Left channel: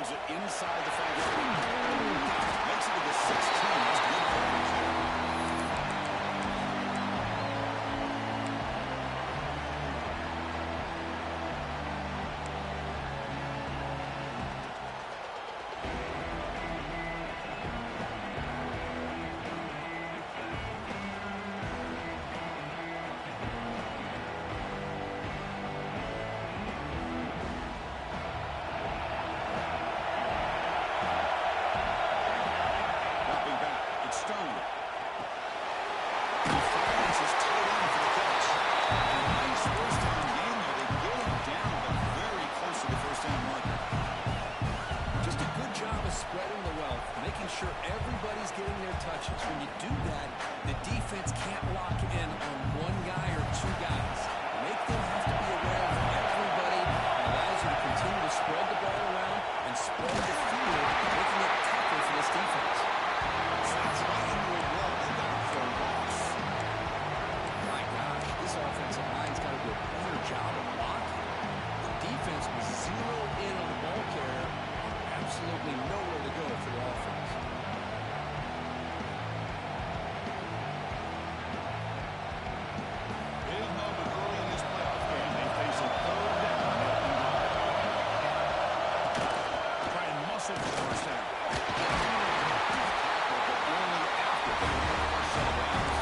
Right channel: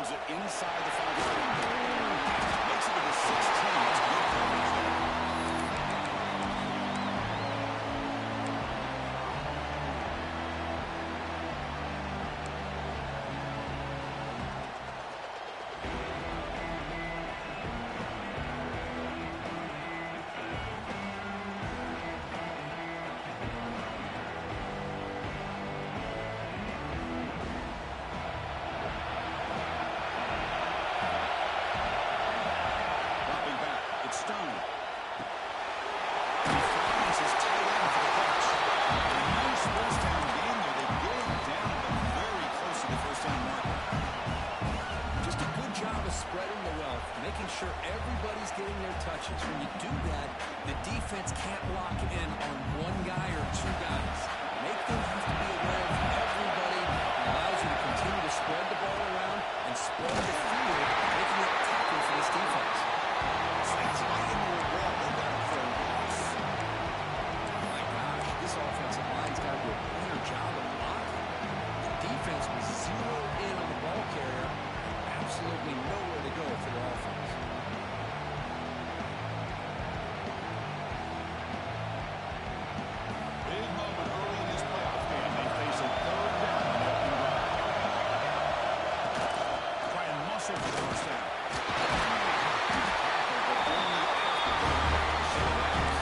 Fields it inside the 5-yard line. Makes it to the 16. That's good coverage there. Spreading the wealth, making sure everybody's getting their touches. When you do that, the defense can't lock in on one guy or two guys. Make them have to be aware of everybody. It allows you to continue to spread the ball around and spread the field, making it tougher for this defense. That's right into a wall. They got him for a loss. My gosh, this offensive line's got to do a better job of blocking. The defense was zeroed in on the ball carrier. Absolutely nowhere to go for the offense. Big moment early in this playoff game. They face a third down on the opening drive. Try and muscle for the first down. Tackle, but only after they ran a first set of downs.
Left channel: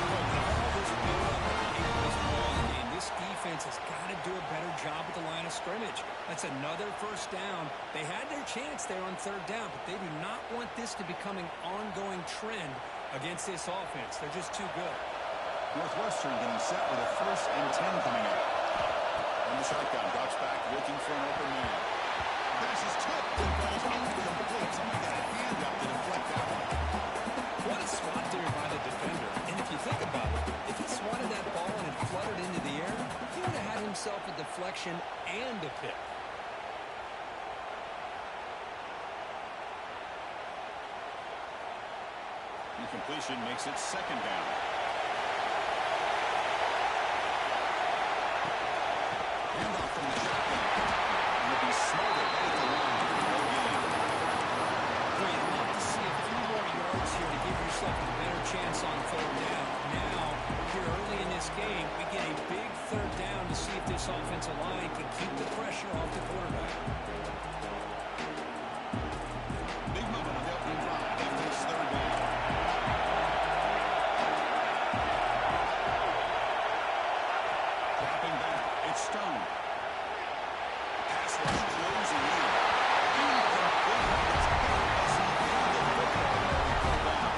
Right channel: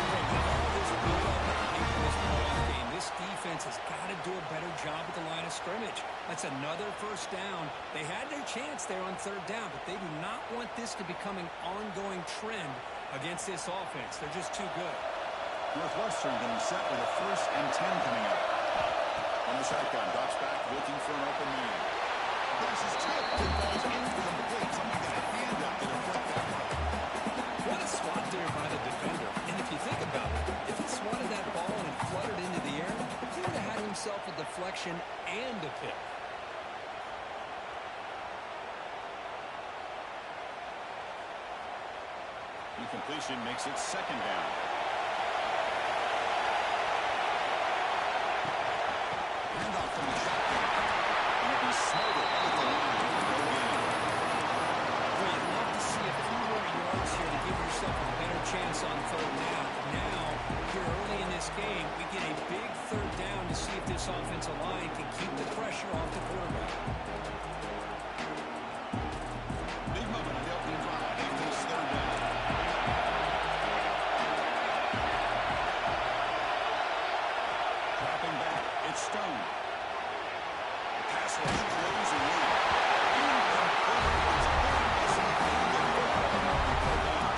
With all this build-up at the end of this playoff game, this defense has got to do a better job at the line of scrimmage. That's another first down. They had their chance there on third down, but they do not want this to become an ongoing trend against this offense. They're just too good. Northwestern getting set with a 1st and 10 coming up. From the shotgun, drops back, looking for an open man. Pass is tipped and falls incomplete. Someone got a hand up to deflect that one. What a swat there by the defender. And if you think about it, if he swatted that ball and it fluttered into the air, he would have had himself a deflection and a pick. Incompletion makes it 2nd down. Handoff from the shotgun. And it'll be smothered right at the line for no gain. Well, you'd love to see a few more yards here to give yourself a better chance on third down. Now, here early in this game, we get a big third down to see if this offensive line can keep the pressure off the quarterback. Big moment on the opening drive. They face third down. Dropping back, it's Stone. Pass rush closing in. Incomplete. It's hit as he held the football and fell down.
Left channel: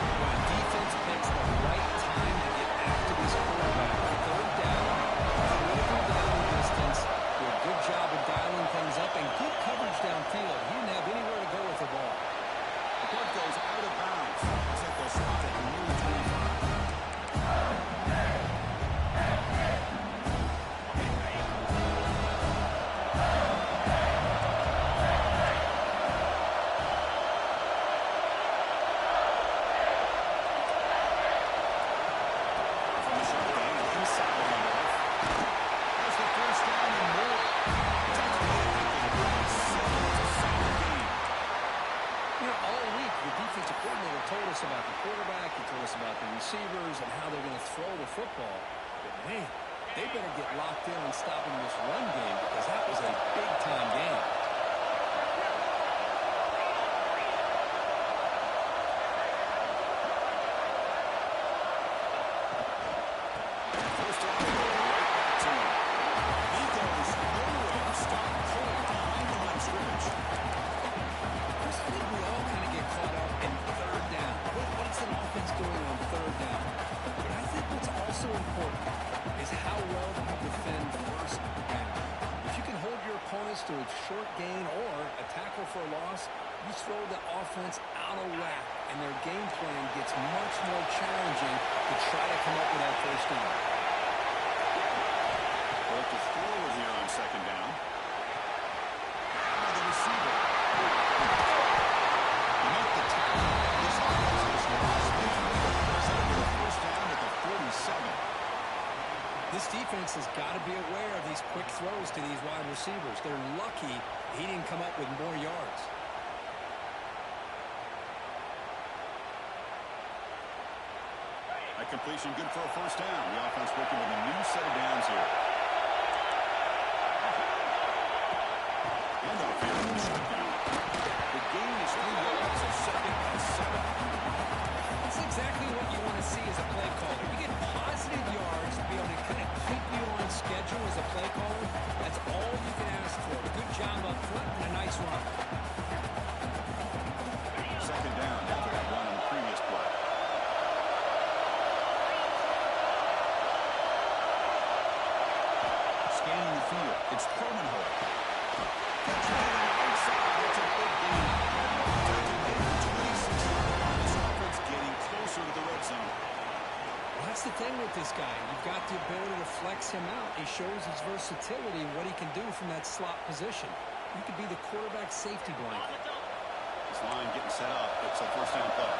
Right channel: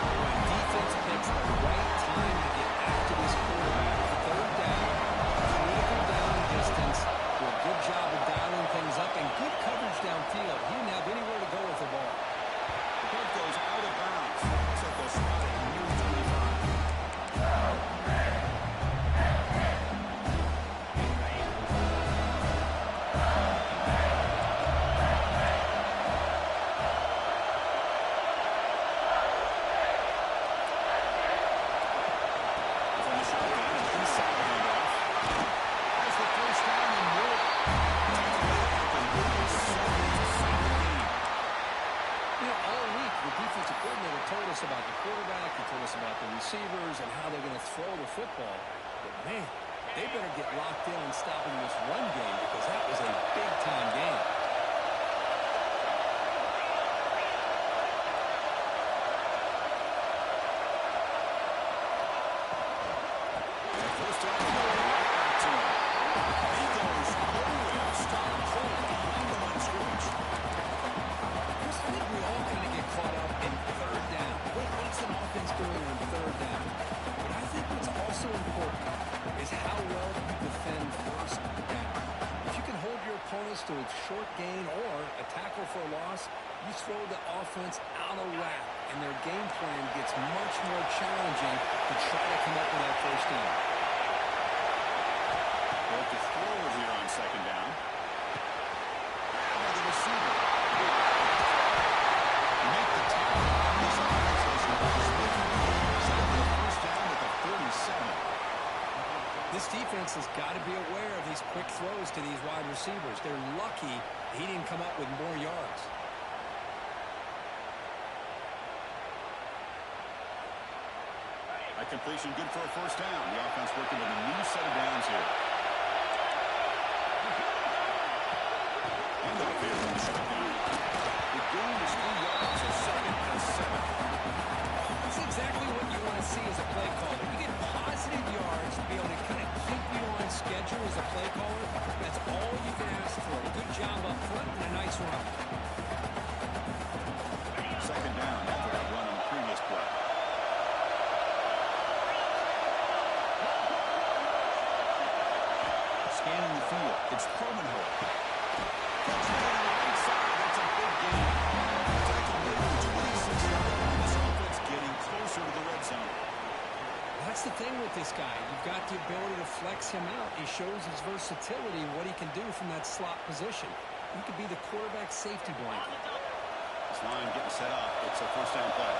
When defense picks the right time to get after this quarterback, third down, critical down and distance, do a good job of dialing things up and good coverage downfield. He didn't have anywhere to go with the ball. The puck goes out of bounds. Looks like they'll spot it near the 25. About the quarterback, he told us about the receivers and how they're going to throw the football. But man, they better get locked in on stopping this run game because that was a big-time game. First down, right back to him. He goes nowhere. Stop cold behind the line of scrimmage. Chris, I think we all kind of get caught up in third down. What's an offense doing on third down? But I think what's also important is how well you defend first down. If you can hold your opponents to a short gain or a tackle for a loss, you throw the offense out of whack, and their game plan gets much more challenging to try to come up with that first down. Well, to throw it here on 2nd down. By the receiver. Make the tackle. This offense has lost big. Set up with a first down at the 47. This defense has got to be aware of these quick throws to these wide receivers. They're lucky he didn't come up with more yards. A completion good for a first down. The offense working with a new set of downs here. And off here from the shotgun. The gain is 3 yards, so second and 7. That's exactly what you want to see as a play caller. You get positive yards to be able to kind of keep you on schedule as a play caller. That's all you can ask for. A good job up front and a nice run. Second down after that run on the previous play. Scanning the field. It's Permanhoek. Catch that on the right side. That's a big gain. Tackle made for 26-yard on this offense, getting closer to the red zone. Well, that's the thing with this guy. You've got the ability to flex him out. He shows his versatility, what he can do from that slot position. He could be the quarterback safety blanket. This line getting set up. It's a first down play.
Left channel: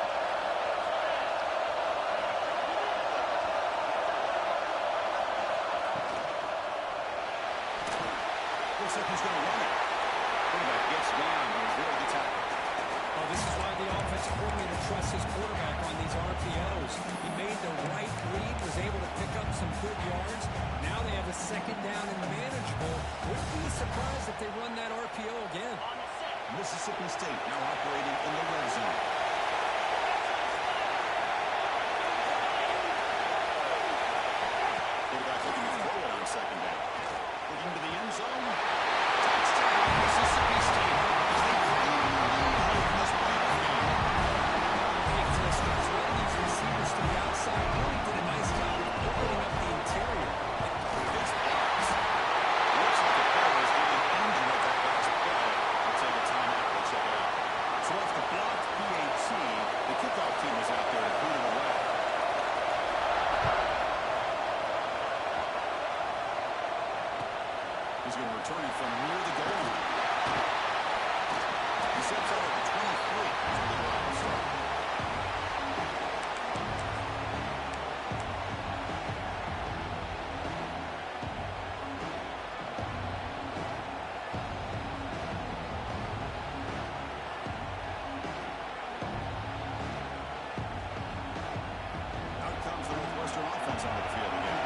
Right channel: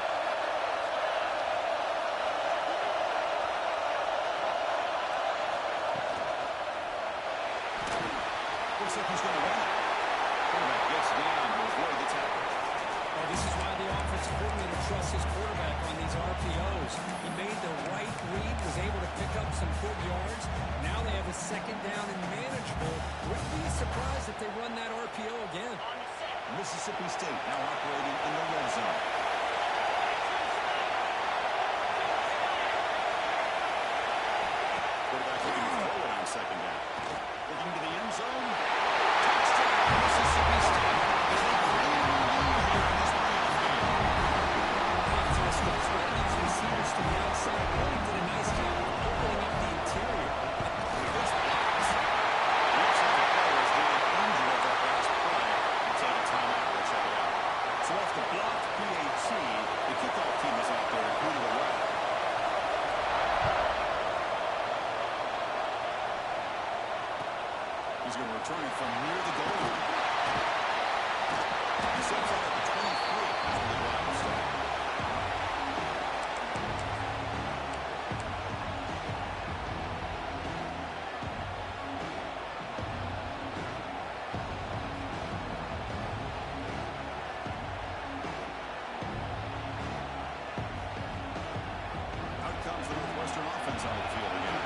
Looks like he's going to run it. Quarterback gets down to avoid the tackle. Oh, this is why the offensive coordinator trusts his quarterback on these RPOs. He made the right read, was able to pick up some good yards. Now they have a second down and manageable. Wouldn't be surprised if they run that RPO again. Mississippi State now operating in the red zone. Quarterback looking to throw it on second down. Looking to the end zone. Touchdown, Mississippi State, as they claim the lead here in this playoff game. Big Frisco's running these receivers to the outside. Really did a nice job of opening up the interior. It's blocked. Looks like the player is getting injured at that last play. We'll take a timeout. We'll check it out. So off the blocked PAT, the kickoff team is out there to boot it away. He's going to return it from near the goal line. He sets out at the 23. That's where the drive will start. Out comes the Northwestern offense onto the field again.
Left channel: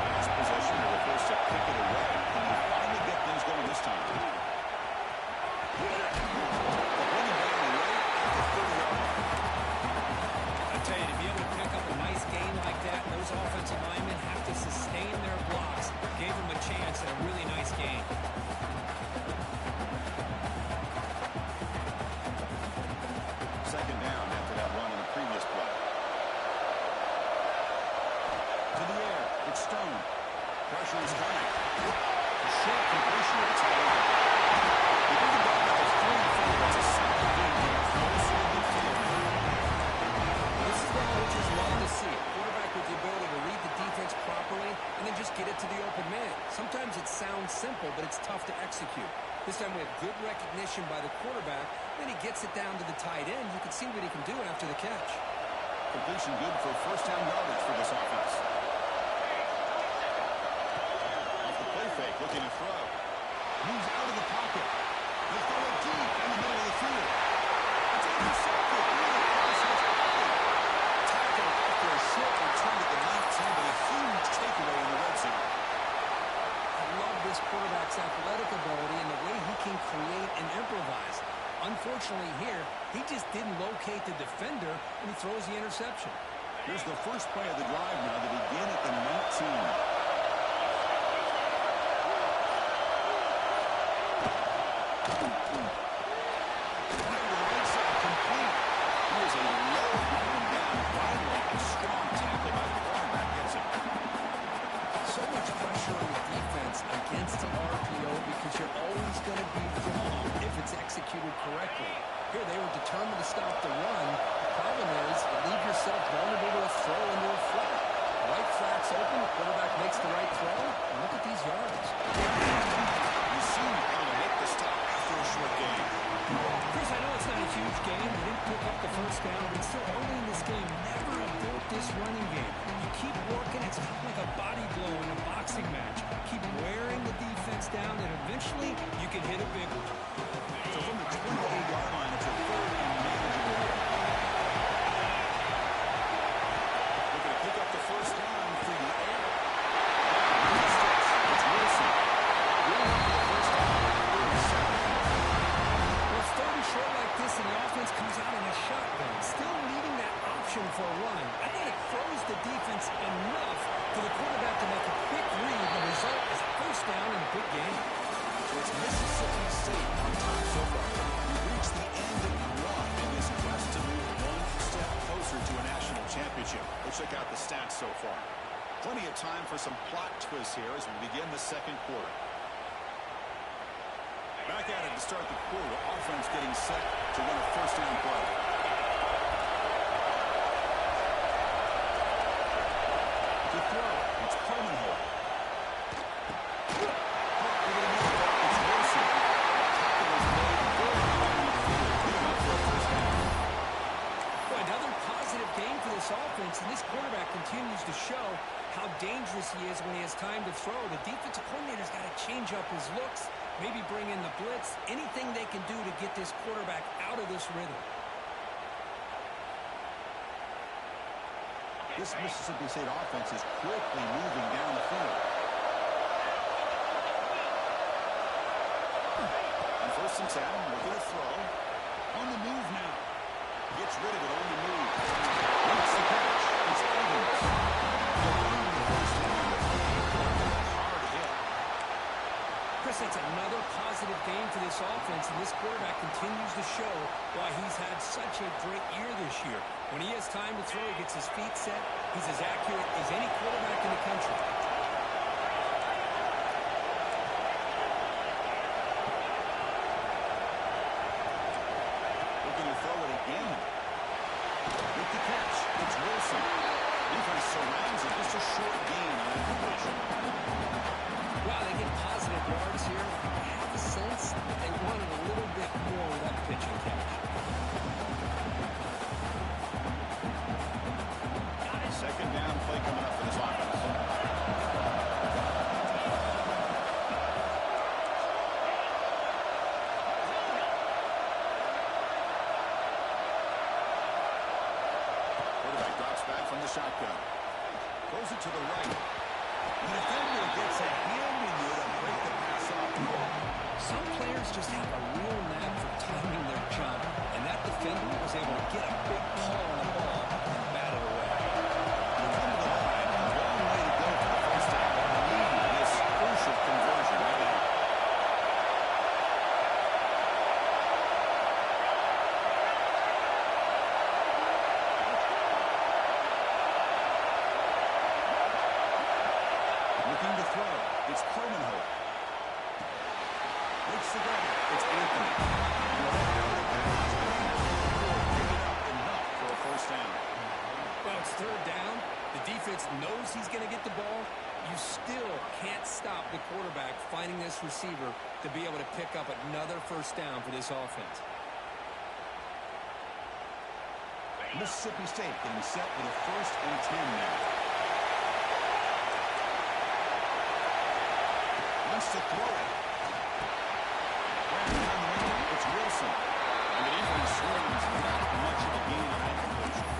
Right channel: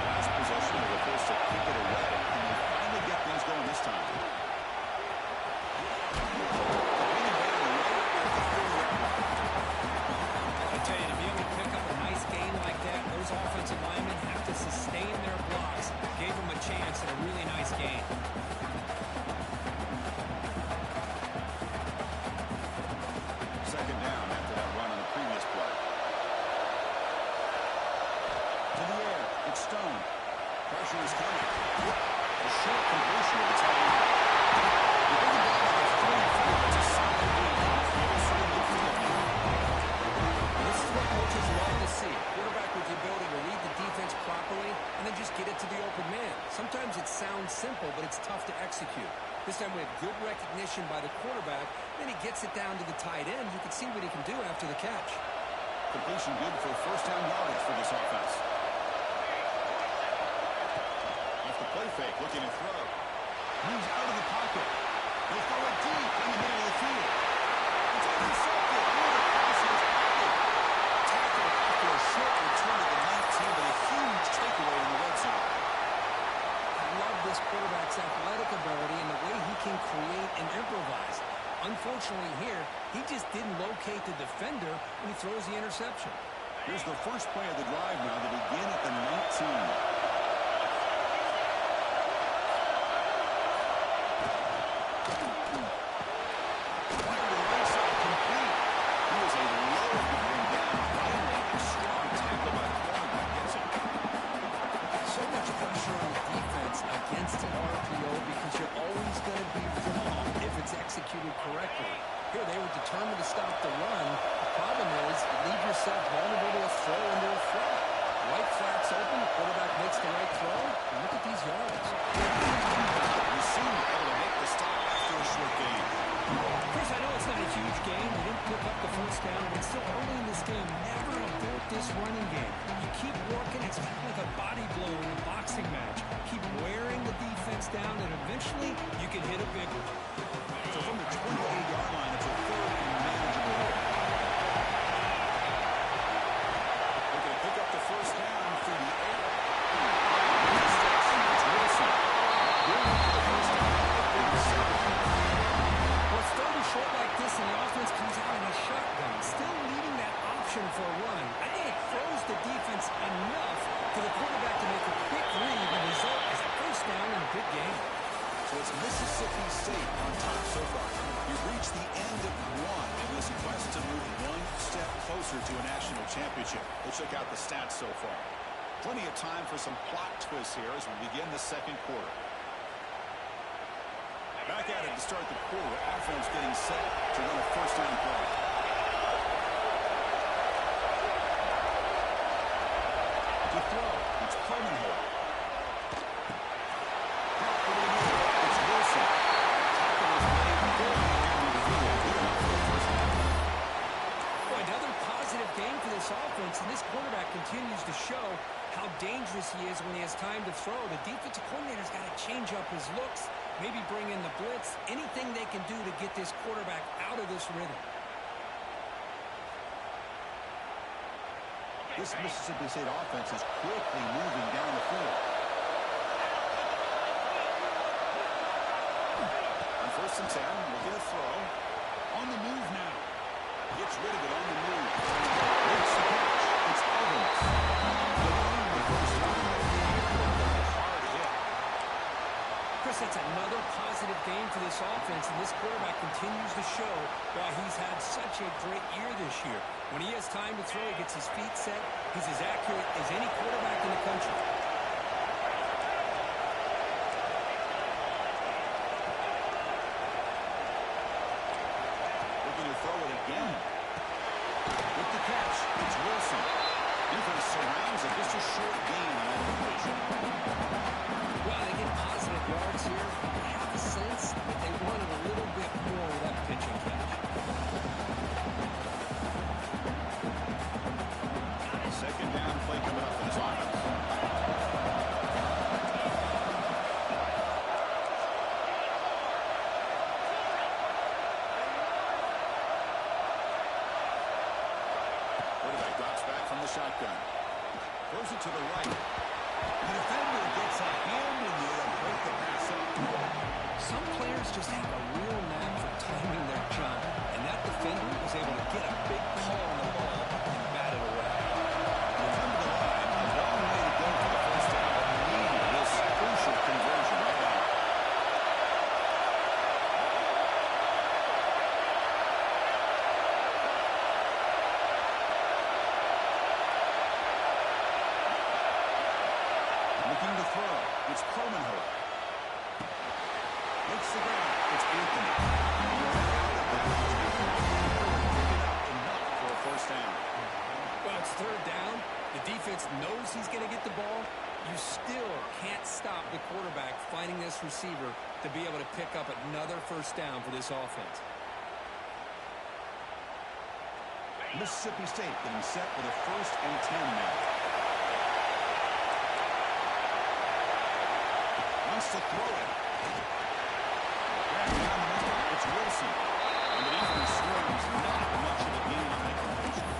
Last possession, they were forced to kick it away. Can they finally get things going this time? They're bringing down right at the 30-yard line. I tell you, to be able to pick up a nice gain like that, those offensive linemen have to sustain their blocks. Gave them a chance at a really nice gain. Second down after that run on the previous play. To the air, it's Stone. Pressure is coming. A short completion of the tight end. They bring it down at the 44. That's a solid gain. Closer to midfield now. This is what coaches love to see. A quarterback with the ability to read the defense properly and then just get it to the open man. Sometimes it sounds simple, but it's tough to execute. This time we have good recognition by the quarterback. Then he gets it down to the tight end. You can see what he can do after the catch. Completion good for first down yardage for this offense. Off the play fake, looking to throw. Moves out of the pocket. He'll throw it deep in the middle of the field. It's intercepted. Right across his pocket. Tackle after a short return to the 19, but a huge takeaway in the red zone. I love this quarterback's athletic ability and the way he can create and improvise. Unfortunately here, he just didn't locate the defender when he throws the interception. Here's the first play of the drive now to begin at the 19. Right to the right side, complete. He is a low bring down. Finally, a strong tackle by the cornerback gets him. So much pressure on the defense against the RPO because you're always going to be wrong if it's executed correctly. Here, they were determined to stop the run. The problem is you leave yourself vulnerable to a throw into a flat. Right flat's open, the quarterback makes the right throw, and look at these yards. You see him able to make the stop after a short gain. Chris, I know it's not a huge game. They didn't pick up the first down, but still early in this game, never abort this running game. You keep working, it's kind of like a body blow in a boxing match. Keep wearing the defense down, and eventually you can hit a big one. So from the 28-yard line, it's a third and manageable here. Looking to pick up the first down through the air. It's Wilson. Going up for the first down at the 37. Well, it's third and short like this, and the offense comes out in a shotgun, still needing that option for a run. I think it throws the defense enough for the quarterback to make a quick read. The result is a first down in a big game. So it's Mississippi State on top so far. We've reached the end of one in this quest to move one step closer to a national championship. Let's check out the stats so far. Plenty of time for some plot twists here as we begin the second quarter. Back at it to start the quarter. Offense getting set to run a first down play. To throw, it's Permanholt. Over the middle, it's Wilson. Tackle is made very near midfield. Good enough for a first down. Well, another positive game for this offense, and this quarterback continues to show how dangerous he is when he has time to throw. The defensive coordinator's got to change up his looks, maybe bring in the blitz, anything they can do to get this quarterback out of this rhythm. This Mississippi State offense is quickly moving down the field. On first and 10, we'll get a throw. On the move now. Gets rid of it on the move. Makes the catch. It's Evans. They'll earn the first down. Hard hit. Chris, that's another positive game for this offense, and this quarterback continues to show why he's had such a great year this year. When he has time to throw, he gets his feet set. He's as accurate as any quarterback in the country. Looking to throw it again. With the catch, it's Wilson. Defense surrounds it. Just a short gain on that completion. Wow, they get positive yards here. I have a sense that they wanted a little bit more with that pitch and catch. Second down play coming up for this offense. Quarterback drops back from the shotgun. Throws it to the right. The defender gets a hand in there to break the pass up. Some players just have a real knack for timing their jump, and that defender was able to get a big paw on the ball and bat it away. Come to the line. A long way to go for the first down, but we need this crucial conversion right now. Looking to throw. It's Permanholt. Makes the grab. It's Anthony. Right out of bounds. Pick it up enough for a first down. Well, it's third down. The defense knows he's going to get the ball. You still can't stop the quarterback finding this receiver to be able to pick up another first down for this offense. Mississippi State getting set with a first and 10 now. Wants to throw it. Grabbed down the middle. It's Wilson. And the defense swims not much of a gain on that completion.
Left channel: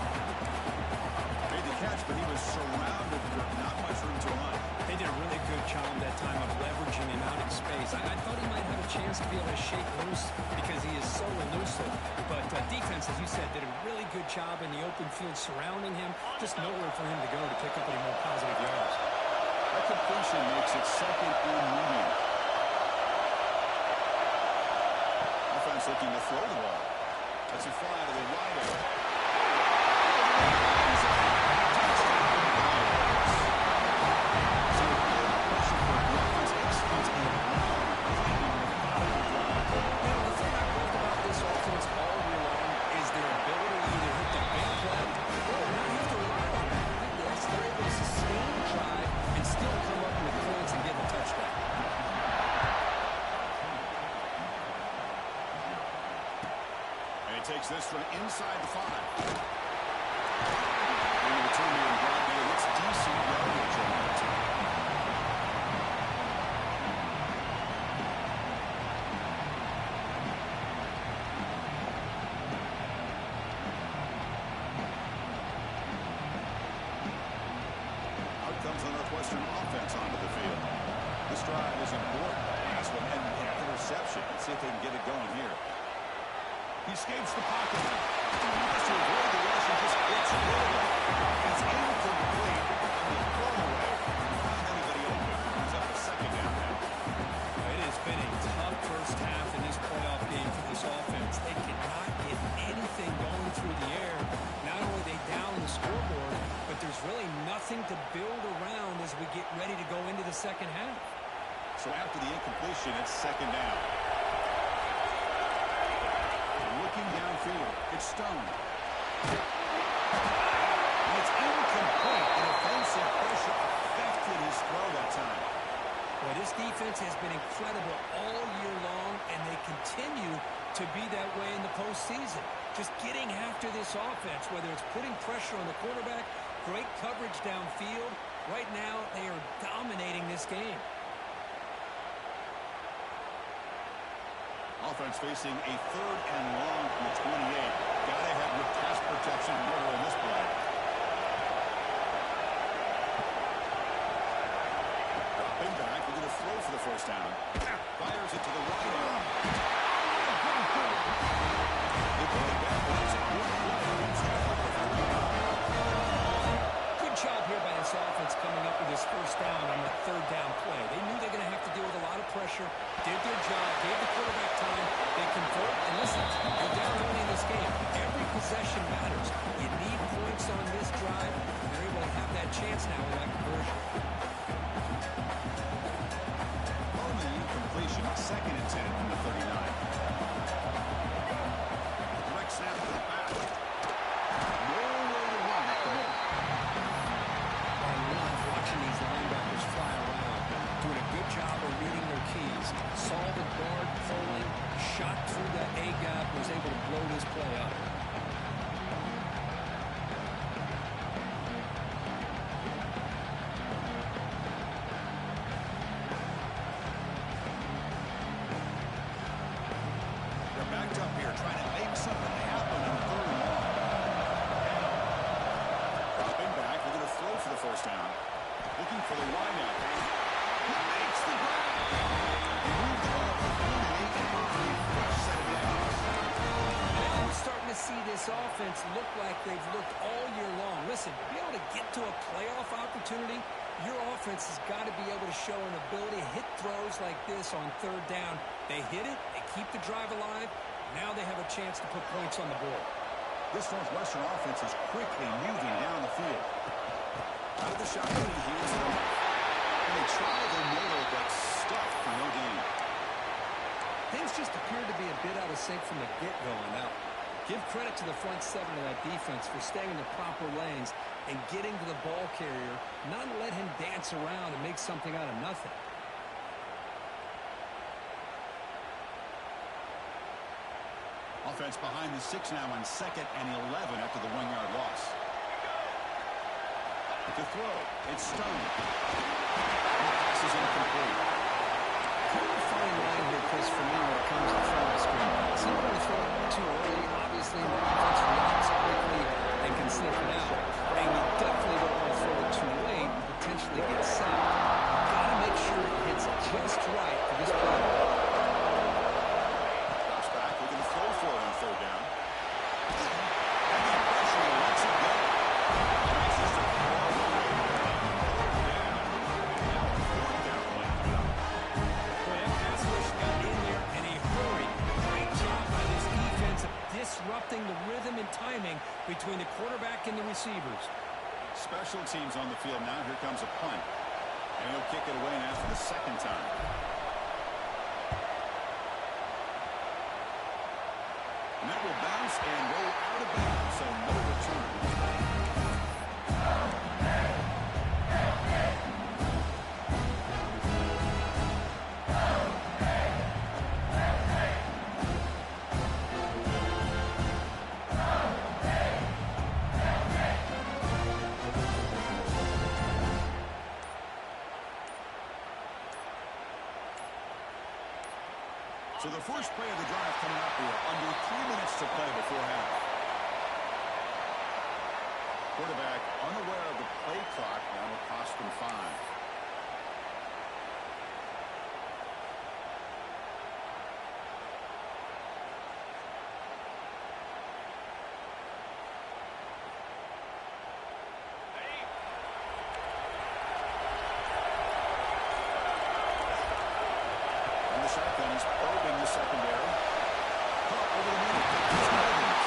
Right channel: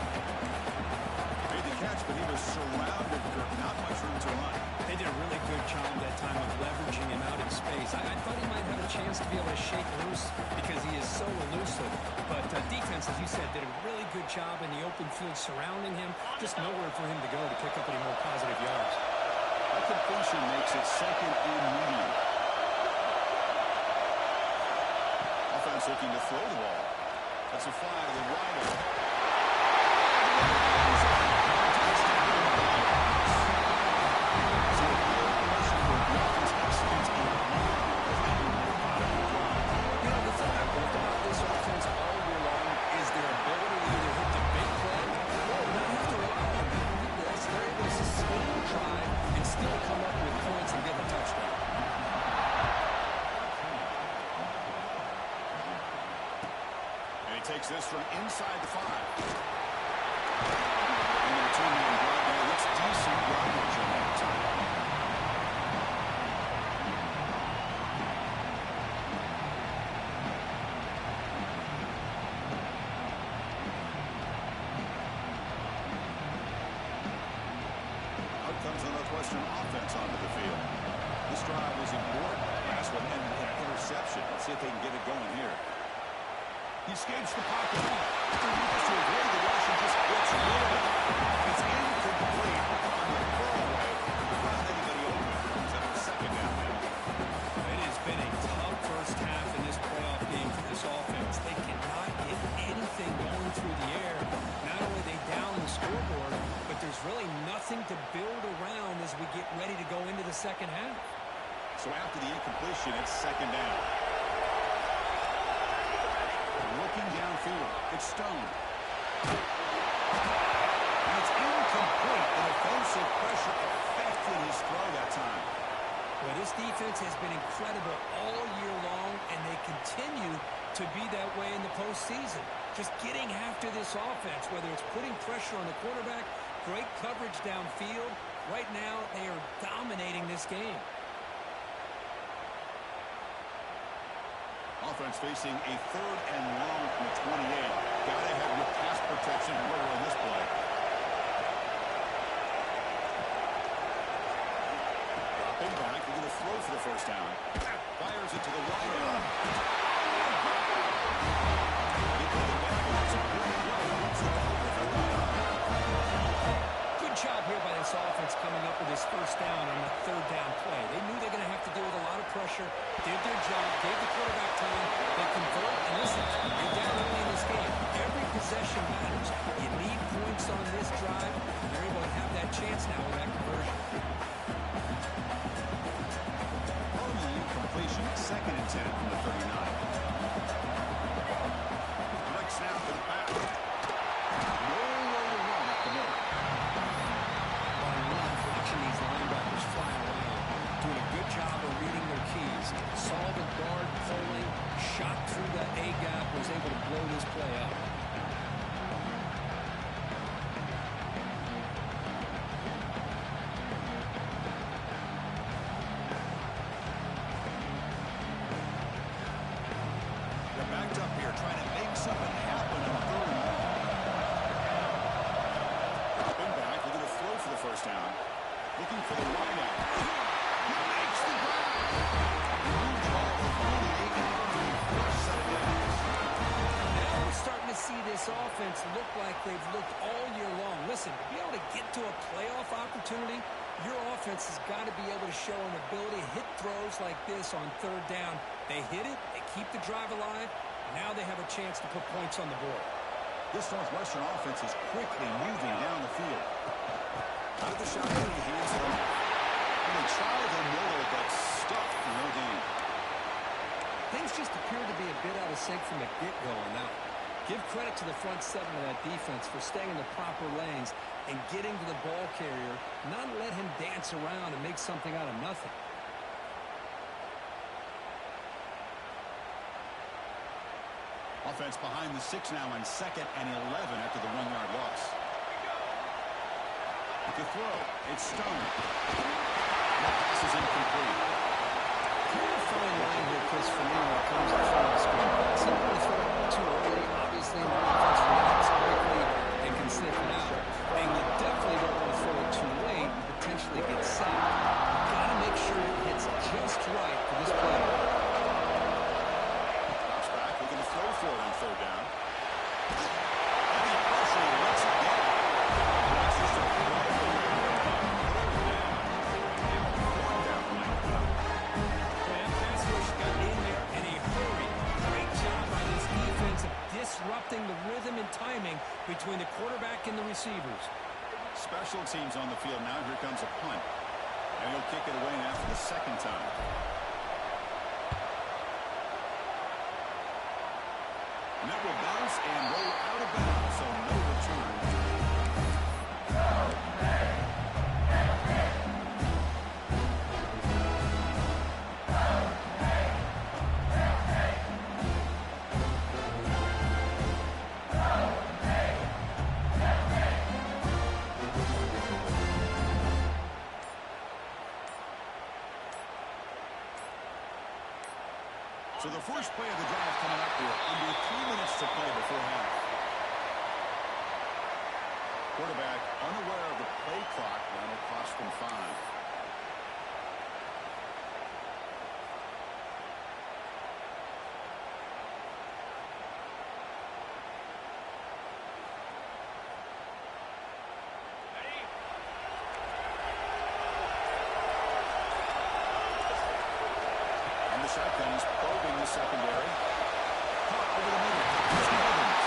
Made the catch, but he was surrounded for not much room to run. They did a really good job that time of leveraging him out in space. I thought he might have a chance to be able to shake loose because he is so elusive. But defense, as you said, did a really good job in the open field surrounding him. Just nowhere for him to go to pick up any more positive yards. That completion makes it second and medium. Offense looking to throw the ball. That's a fly to the wide area. So a good pressure for the offense executes a long play in the bottom of the drive. You know, the thing I've loved about this offense all year long is their ability to either hit the big play or not have to rely on that. Yes, they're able to sustain the drive and still come up with points and get a touchdown. And he takes this from inside the 5. And the return man brought down. It's decent yardage on that time. reception. Let's see if they can get it going here. He escapes the pocket. He tries to avoid the rush and just gets rid of it. It's incomplete on the throwaway. Find anybody open. Comes up a second down now. It has been a tough first half in this playoff game for this offense. They cannot get anything going through the air. Not only are they down the scoreboard, but there's really nothing to build around as we get ready to go into the second half. So after the incompletion, it's second down. Looking downfield, it's Stone. And it's incomplete. The defensive pressure affected his throw that time. Well, this defense has been incredible all year long, and they continue to be that way in the postseason. Just getting after this offense, whether it's putting pressure on the quarterback, great coverage downfield. Right now, they are dominating this game. Offense facing a third and long from the 28. Got ahead with pass protection order in this play. Dropping back, they're going to throw for the first down. Fires it to the wide area. They pick it back, but it's a good play. Moves the ball for third down. Good job here by this offense coming up with this first down on the third down play. They knew they're going to have to deal with a lot of pressure, did their job, gave the quarterback time, they convert, and listen, you're down early in this game. Every possession matters. You need points on this drive, and they're able to have that chance now with that conversion. Following the incompletion, second and 10 from the 39. Direct snap to the back. No way to run up the middle. Watching these linebackers fly around, doing a good job of reading their keys. Saw the guard pulling, shot through the A-gap, was able to blow this play up. They're backed up here, trying to make something happen on third and long. Dropping back, they're going to throw for the first down. Looking for the wideout. He makes the grab. He moved the ball to 48 and a fresh set of downs. Now we're starting to see this offense look like they've looked all year long. Listen, to be able to get to a playoff opportunity, your offense has got to be able to show an ability to hit throws like this on third down. They hit it, they keep the drive alive. Now they have a chance to put points on the board. This Northwestern offense is quickly moving down the field. Out of the shotgun, he hands it off. And they try the middle, but stuck for no gain. Things just appear to be a bit out of sync from the get-go on that one. Give credit to the front seven of that defense for staying in the proper lanes and getting to the ball carrier, not let him dance around and make something out of nothing. Offense behind the 6 now on second and 11 after the 1-yard loss. To throw, it's Stone. And the pass is incomplete. Kind of a fine line here, Chris, for me when it comes to throwing the screen pass. You don't want to throw it too early. Obviously, the defense reacts quickly and can sniff it out. And you definitely don't want to throw it too late and potentially get sacked. You've got to make sure it hits just right for this play. Drops back, looking to throw for it on third down. Heavy pressure, he lets it go. That's just a throwaway there on third down. And now a fourth down play coming up. Boy, that pass rush got in there in a hurry. Great job by this defense of disrupting the rhythm and timing between the quarterback and the receivers. Special teams on the field now. Here comes a punt. And he'll kick it away now for the second time. And that will bounce and roll out of bounds, so no return. So the first play of the drive coming up here, under 3 minutes to play before half. Quarterback unaware of the play clock, now it'll cost them 5. shotgun. He's probing the secondary. Caught over the middle. It's Evans.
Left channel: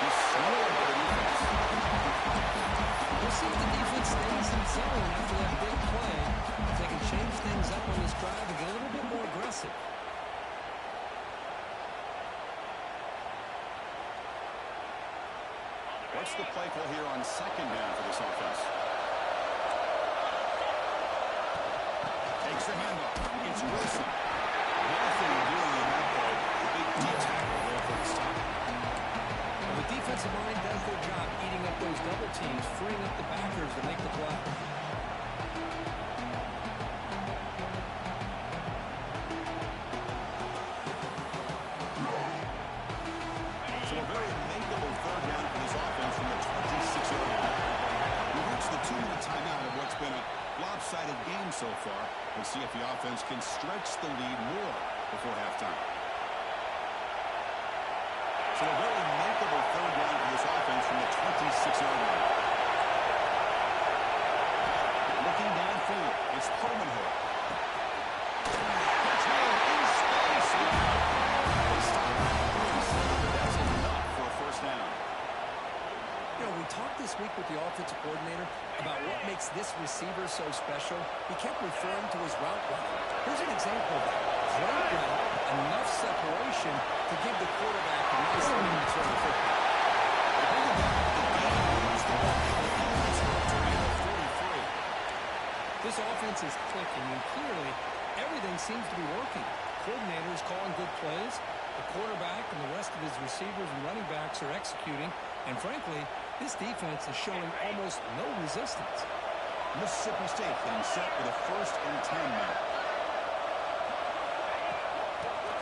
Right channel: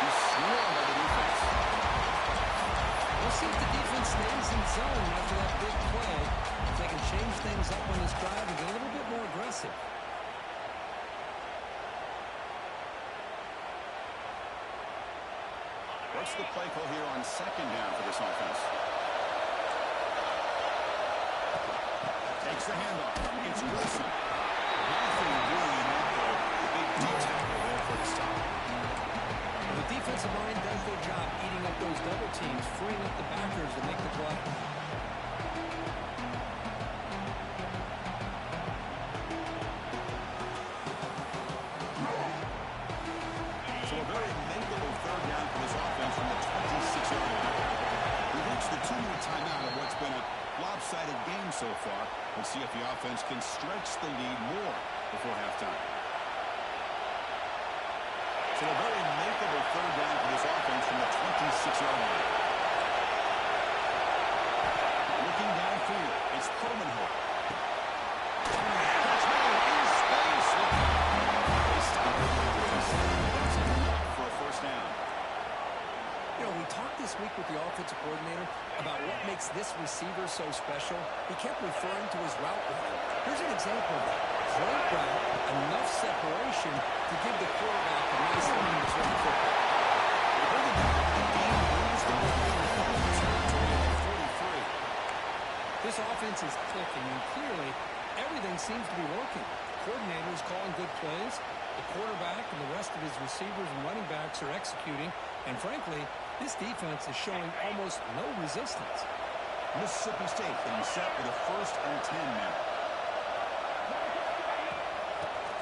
He's swarmed by the defense. We'll see if the defense stays in zone after that big play. If they can change things up on this drive and get a little bit more aggressive. What's the play call here on second down for this offense? Takes the handoff. It's Wilson. Nothing doing in that play. The big D tackle there for the stop. Well, the defensive line does their job eating up those double teams, freeing up the backers to make the play. So a very makeable third down for this offense from the 26-yard line. We've reached the 2-minute timeout of what's been a lopsided game so far. We'll see if the offense can stretch the lead more before halftime. So a very makeable third down for this offense from the 26-yard line. Looking downfield, it's Permanhoek. Catch made in space. They stop it. That's enough for a first down. You know, we talked this week with the offensive coordinator about what makes this receiver so special. He kept referring to his route running. Here's an example of that. Great route, enough separation to give the quarterback a nice lane to throw the football. They bring it down to the game, lose the ball in the territory at the 43. This offense is clicking, and clearly everything seems to be working. Coordinator is calling good plays. The quarterback and the rest of his receivers and running backs are executing. And frankly, this defense is showing almost no resistance. Mississippi State getting set with a 1st and 10 now.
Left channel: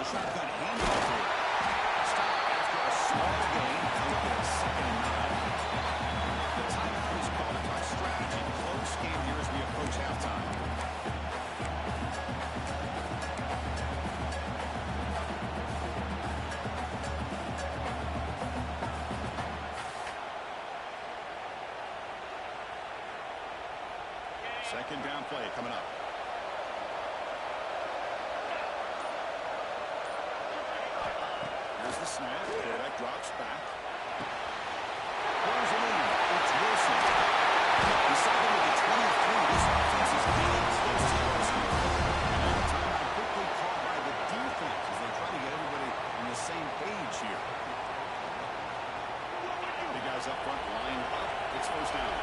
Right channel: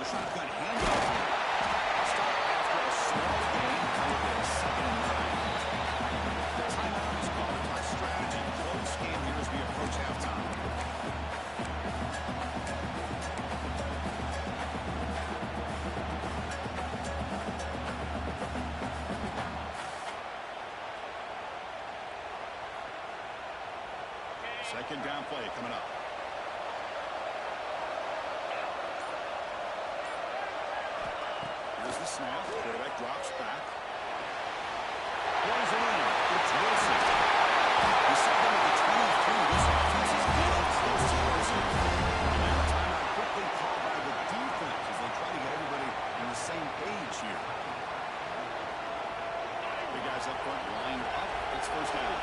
The shotgun handoff here. Stop after a small gain. Now look at 2nd and 9. The timeout is called to talk strategy. Close game here as we approach halftime. Second down play coming up. Here's the snap. Quarterback drops back. Pulls it in. It's Wilson. Deciding with the 23. This offense is getting close to Wilson. And now timeout quickly called by the defense as they try to get everybody on the same page here. The guys up front lined up. It's first down.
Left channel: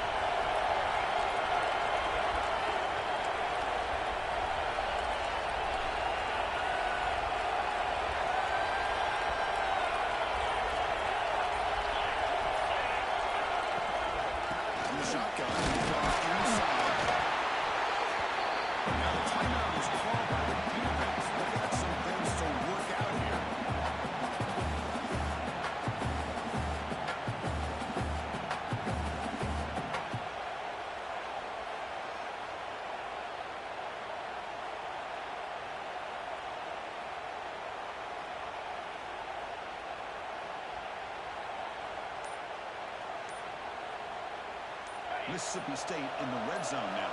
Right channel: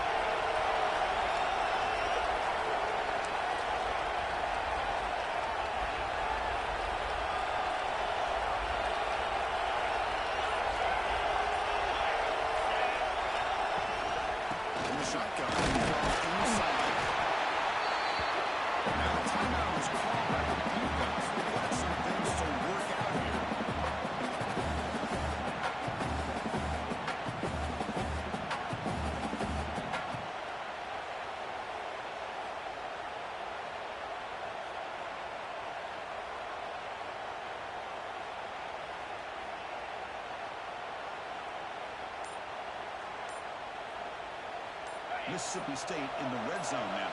Shotgun inside. Now the timeout is called by the defense. They've got some things to work out here. Mississippi State in the red zone now.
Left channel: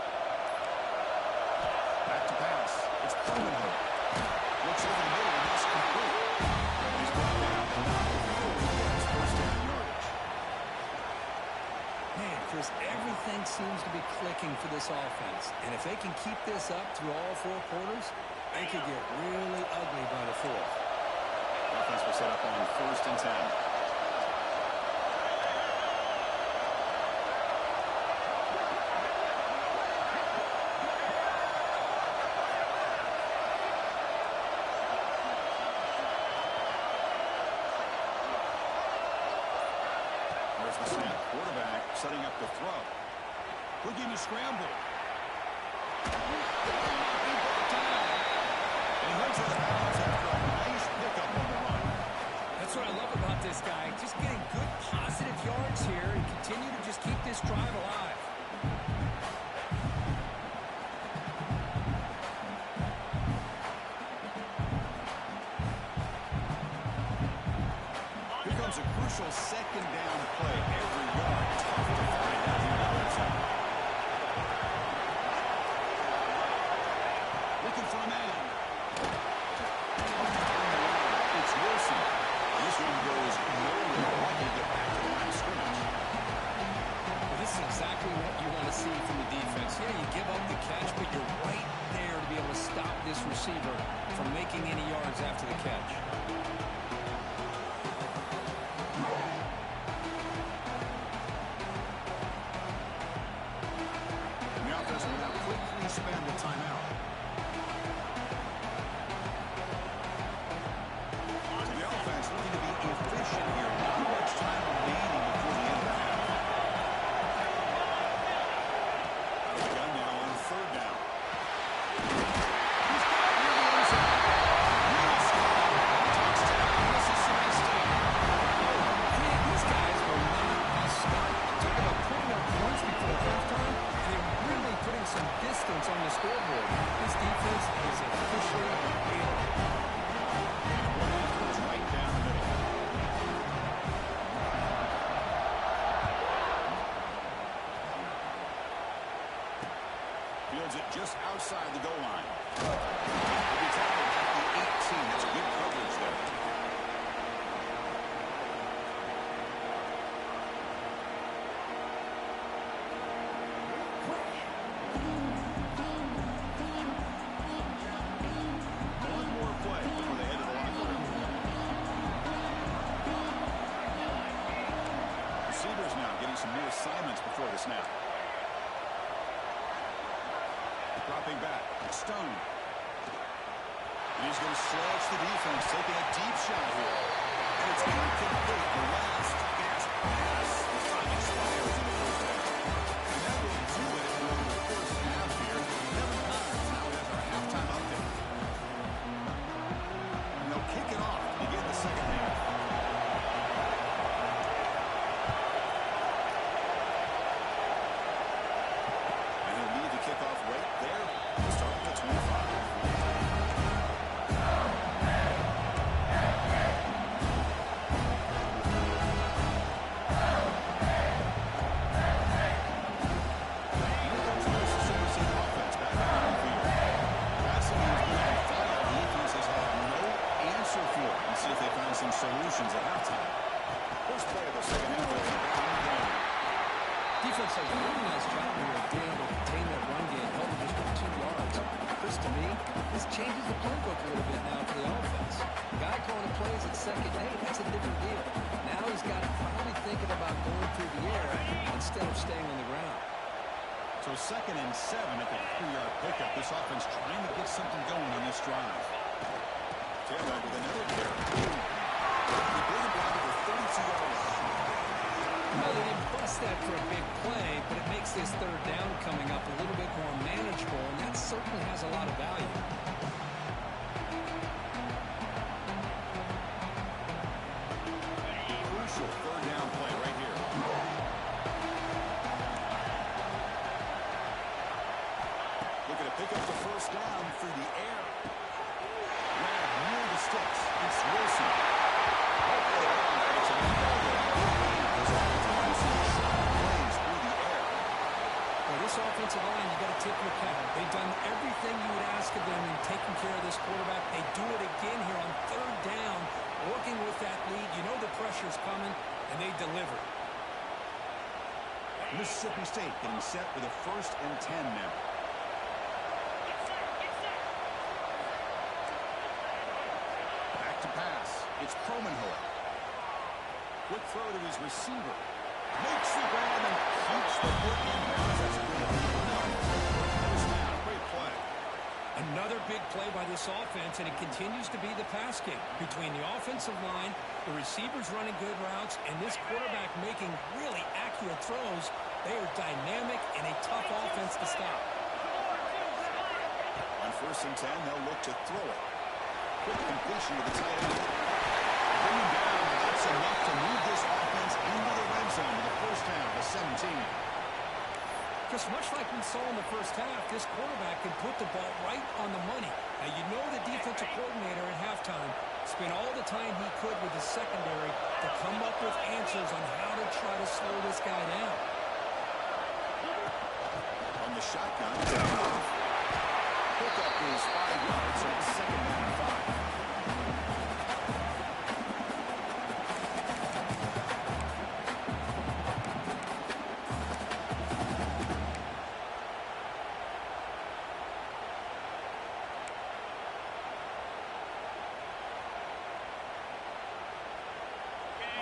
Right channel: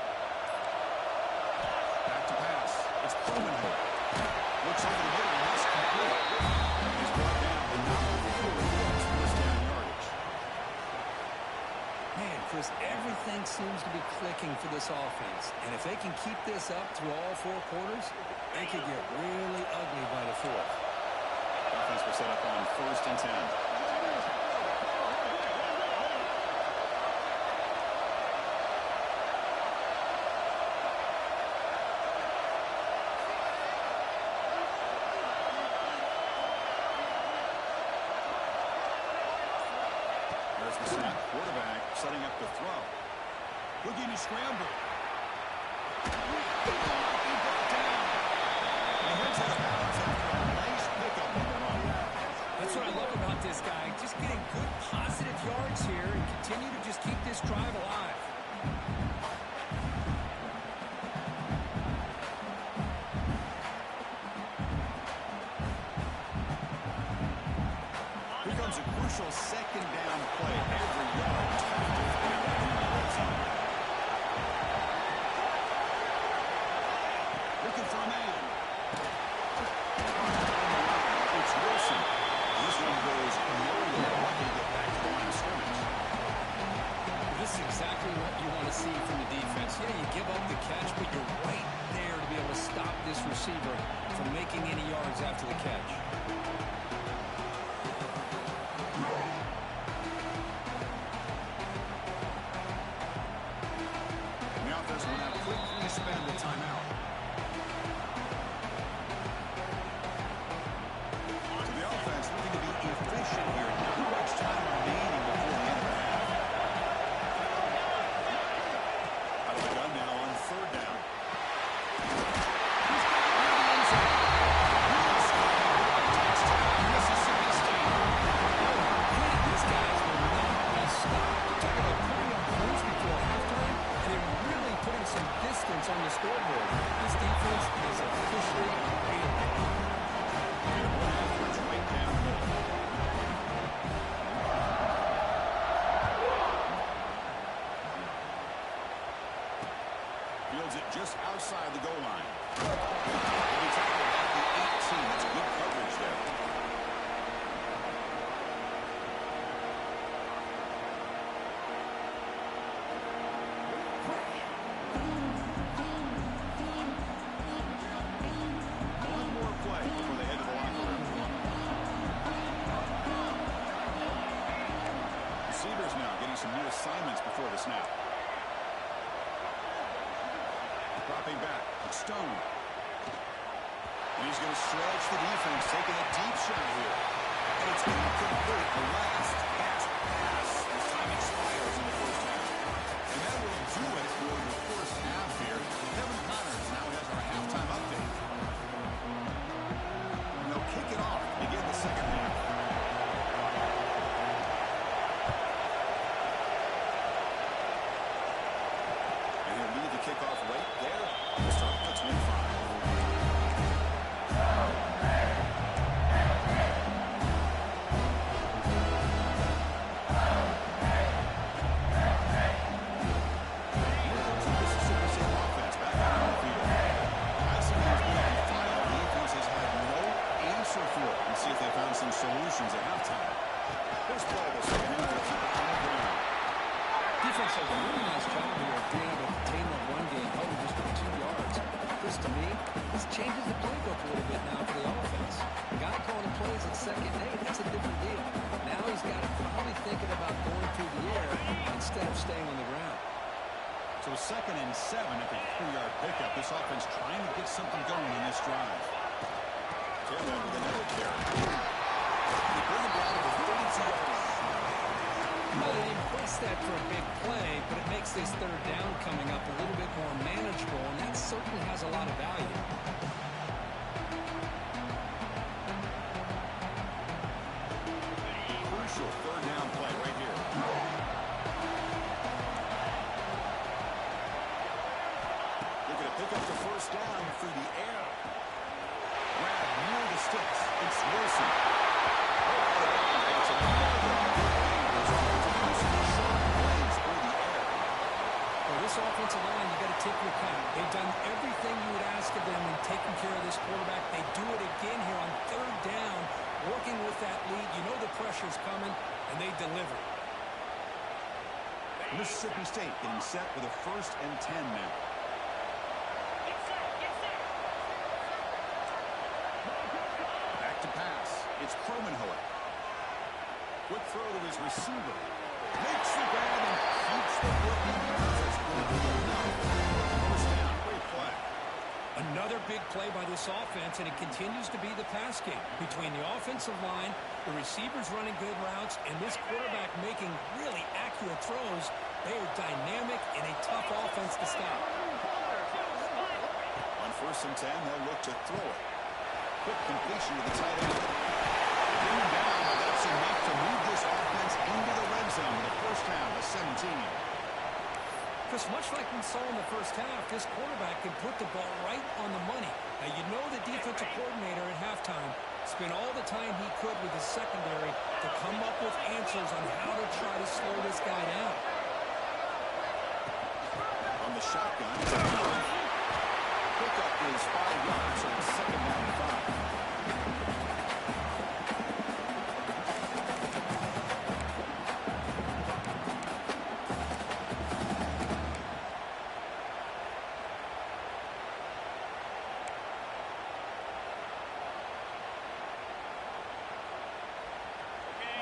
Back to pass. It's Permanhoek. Looks over the middle, and that's complete. He's brought down, and not before he gets first down yardage. Man, Chris, everything seems to be clicking for this offense. And if they can keep this up through all 4 quarters, they could get really ugly by the 4th. Offense will set up on 1st and 10. There's the snap. Quarterback setting up the throw. Quick scramble. He might be brought down. And he heads out of bounds after a nice pickup on the run. That's what I love about this guy. Just getting good positive yards here and continue to just keep this drive alive. Here comes a crucial second down play. Every yard tough to find out here in the red zone. Looking for a man. On the line, it's Wilson. This one goes nowhere. Lucky to get back to the line of scrimmage. Well, this is exactly what you want to see from the defense. Yeah, you give up the catch, but you're right there to be able to stop this receiver from making any yards after the catch. And the offense will now quickly spend a timeout. So the offense looking to be efficient here. Not much time remaining before the end of the half. Out of the gun now on third down. He's got it near the end zone. Real score. Touchdown, Mississippi State. Man, these guys will not be stopped. Talk about putting up points before halftime, and they're really putting some distance on the scoreboard. This defense is officially failing. And one after right down the middle. Fields it just outside the goal line. He'll be tackled at the 18. That's good coverage there. One more play before they head to the locker room. Receivers now getting some new assignments before the snap. Dropping back, Stone. And he's going to stretch the defense, taking a deep shot here. And it's incomplete. The last gasp pass as time expires in the first half. And that will do it for the first half here. Kevin Connors now has our halftime update. And they'll kick it off to begin the second half. And he'll lead the kickoff right there. We'll start with the 25. And see if they found some solutions at halftime. First play of the second half will keep it on the ground. Defense does a really nice job here of being able to contain that run game, held it just for 2 yards. Chris, to me, this changes the playbook a little bit now for the offense. The guy calling the plays at second and 8, that's a different deal. Now he's got to probably thinking about going through the air instead of staying on the ground. So 2nd and 7 at the 3-yard pickup. This offense trying to get something going on this drive. Taylor with another carry. They bring it down to the 32-yard line. Well, they didn't bust that for a big play, but it makes this third down coming up a little bit more manageable, and that certainly has a lot of value. Crucial third down play right here. Looking to pick up the first down through the air. Grab near the sticks. It's Wilson. It's another big game. Those offensive short plays through the air. Well, this offensive line, you got to tip your cap. They've done everything you would ask of them in taking care of this quarterback. They do it again here on third down, working with that lead. You know the pressure's coming, and they deliver. Mississippi State getting set with a 1st and 10 now. To pass. It's Cromenhoek. Quick throw to his receiver. Makes the grab and keeps the foot in bounds. That's going to be enough for a first down. Great play. Another big play by this offense, and it continues to be the pass game. Between the offensive line, the receivers running good routes, and this quarterback making really accurate throws, they are dynamic and a tough offense to stop. On 1st and 10, they'll look to throw it. Quick completion to the tight end. Bring him down, but that's enough to move this offense into the red zone with a first down to 17. Just much like we saw in the first half, this quarterback can put the ball right on the money. Now, you know the defensive coordinator at halftime spent all the time he could with the secondary to come up with answers on how to try to slow this guy down. On the shotgun, pickup is 5 yards, so it's second down and 5.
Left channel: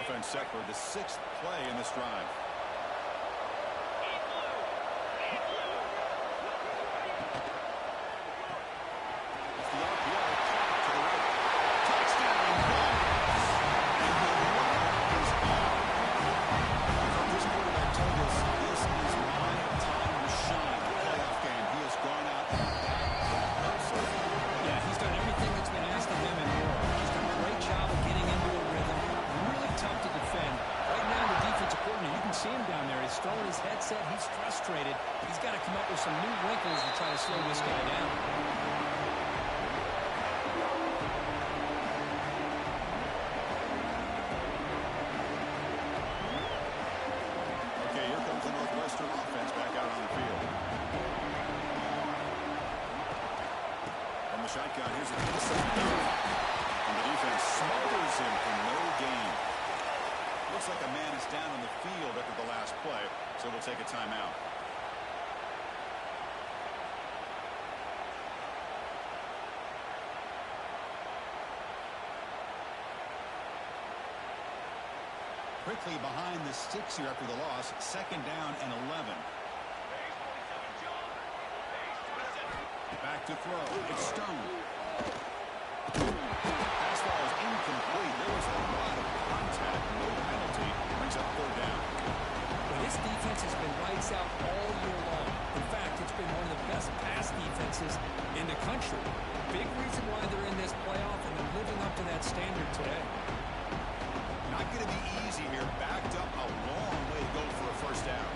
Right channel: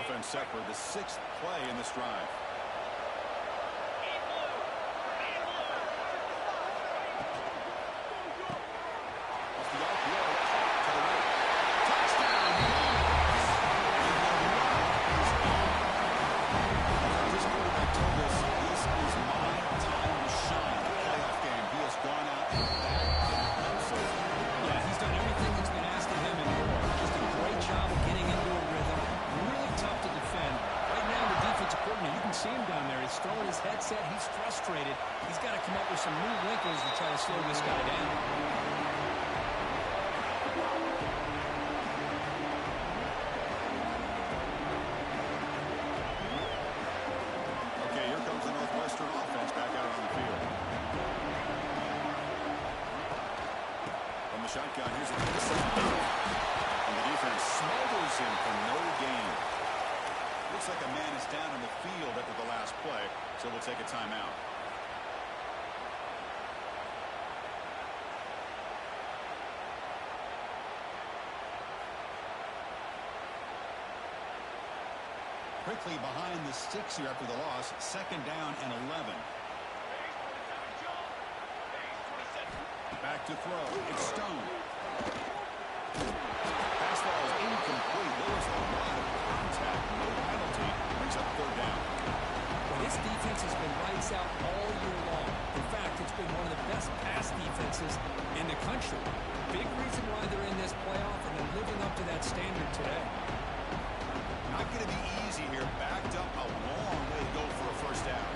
Offense set for the 6th play in this drive. Off the RPO, caught to the right. Touchdown, Bulls! And the run is on. This quarterback told us this is my time to shine. The playoff game. He has gone out and backed that up so far. Yeah, he's done everything that's been asked of him and more. Just a great job of getting into a rhythm. Really tough to defend. Right now, the defensive coordinator, you can see him down there. He's throwing his headset. He's frustrated. He's got to come up with some new wrinkles to try to slow this guy down. Okay, here comes the Northwestern offense back out on the field. From the shotgun, here's an inside throw. And the defense smothers him for no gain. Looks like a man is down on the field after the last play, so we'll take a timeout. Quickly behind the sticks here after the loss, second down and 11. Back to throw. It's Stone. Fastball is incomplete. There was a lot of contact. No penalty. Brings up third down. Well, this defense has been lights out all year long. In fact, it's been one of the best pass defenses in the country. Big reason why they're in this playoff, and they're living up to that standard today. Not going to be easy here. Backed up a long way to go for a first down.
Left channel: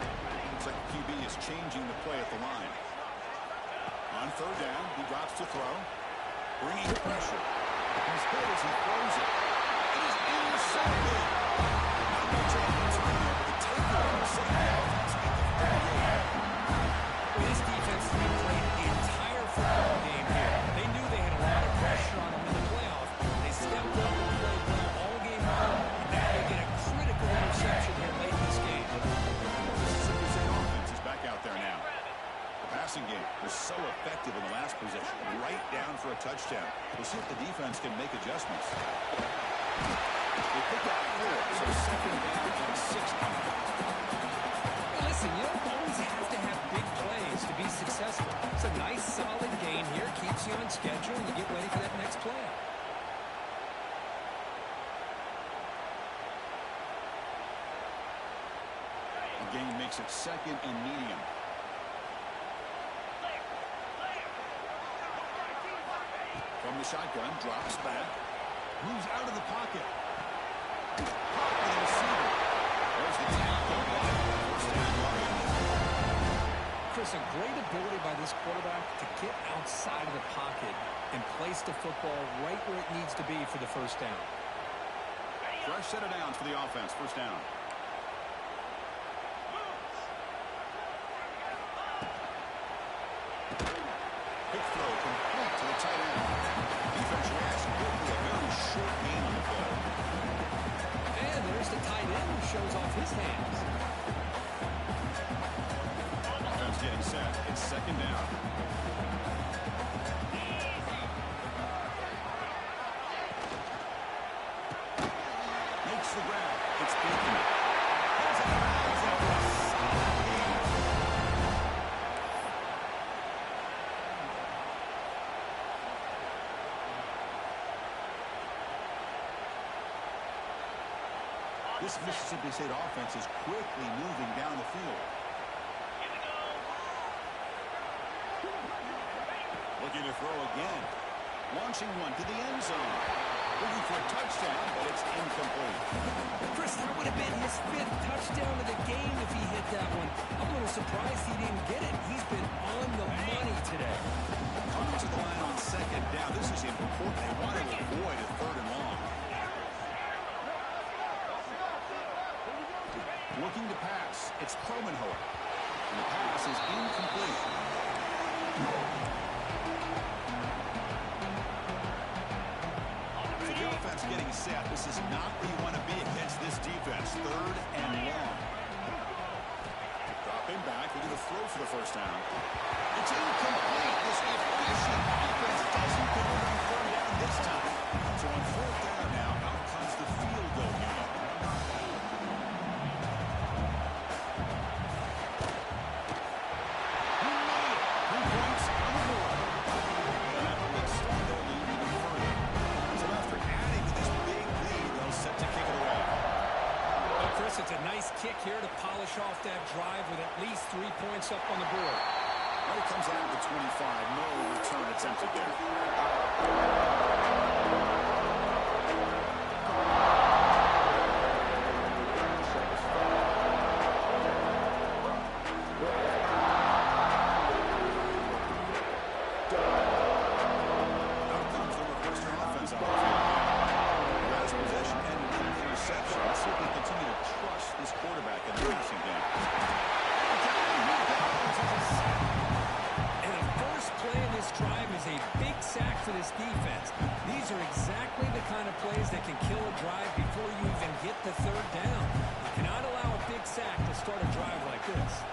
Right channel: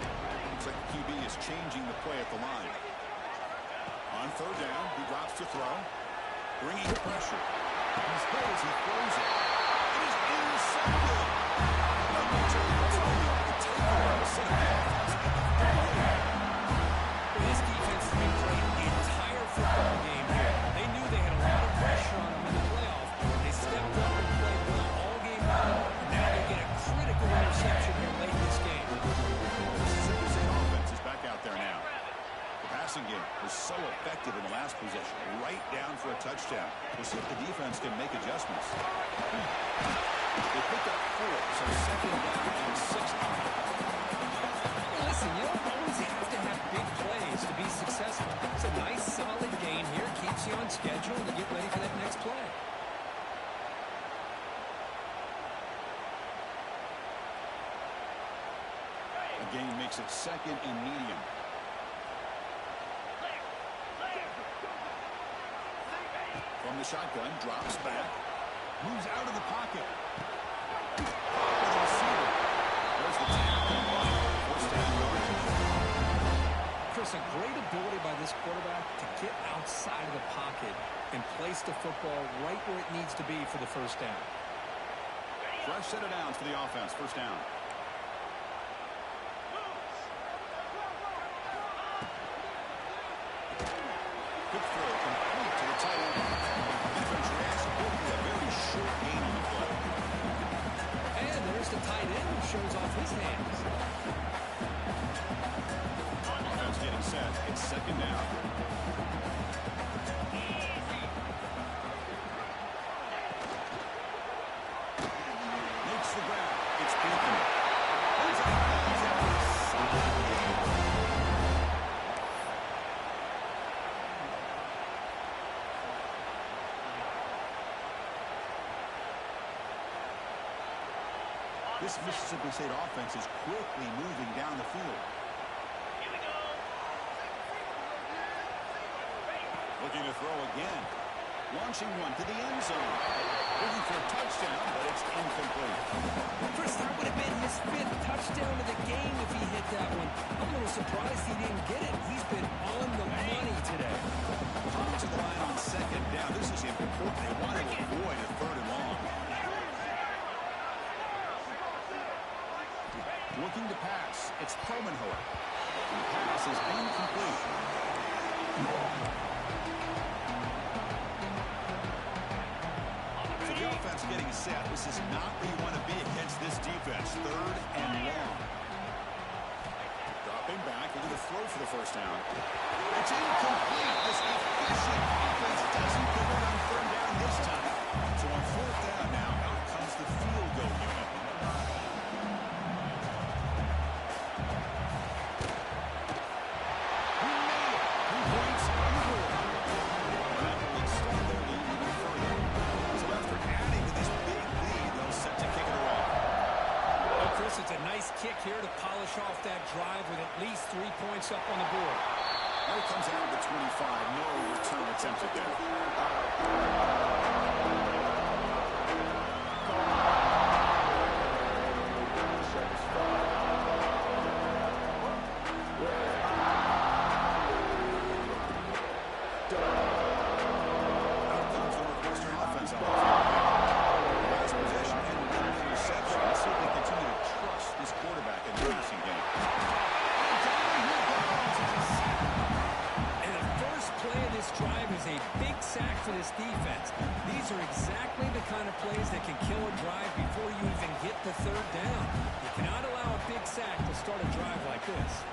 Looks like QB is changing the play at the line. On third down, he drops to throw. Bringing pressure. He's hit as he throws it. It is intercepted. Not much of a return there, but the takeaway set up the offense at the 38. Well, this defense has been great the entire football game here. They knew they had a lot of pressure on them in the playoff. They stepped up and played well all game long, and now they get a critical interception here late in this game. Mississippi State offense is back out there now. The passing game was so effective in the last possession, right down for a touchdown. We'll see if the defense can make adjustments. They picked up 4, so second down and 6 coming. Hey, listen, you don't always have to have big plays to be successful. It's a nice, solid gain here. Keeps you on schedule, and you get ready for that next play. The gain makes it second and medium. From the shotgun, drops back, moves out of the pocket. Caught with the receiver. There's the tackle, but first down yardage. Chris, a great ability by this quarterback to get outside of the pocket and place the football right where it needs to be for the first down. Fresh set of downs for the offense, first down. Quick throw complete to the tight end. Defense reacts quickly, a very short gain on the play. And there's the tight end who shows off his hands. Offense getting set. It's second down. Makes the grab. It's Anthony. He's out of bounds after a solid gain. This Mississippi State offense is quickly moving down the field. Here we go. Looking to throw again. Launching one to the end zone. Looking for a touchdown, but it's incomplete. Chris, that would have been his 5th touchdown of the game if he hit that one. I'm a little surprised he didn't get it. He's been on the money today. Coming to the line on second down. This is important. They want to avoid a third and long. Looking to pass. It's Promenhoer. And the pass is incomplete. set. This is not where you want to be against this defense. 3rd and long. Dropping back, looking to throw for the first down. It's incomplete. This efficient offense doesn't convert on 3rd down this time. So on 4th down now, out comes the field goal unit. He made it. 3 points on the board. And that will extend their lead even further. So after adding to this big lead, they'll set to kick it away. Well, Chris, it's a nice kick here to polish off that drive with at least 3 points up on the board. Well, it comes out of the 25. No return attempted there. Out comes the Northwestern offense on the field now. Last possession ended in an interception. Let's see if they continue to trust this quarterback in the passing game. Down he goes. It's a sack. And the first play of this drive is a big sack for this defense. These are exactly the kind of plays that can kill a drive before you even get the 3rd down. You cannot allow a big sack to start a drive like this.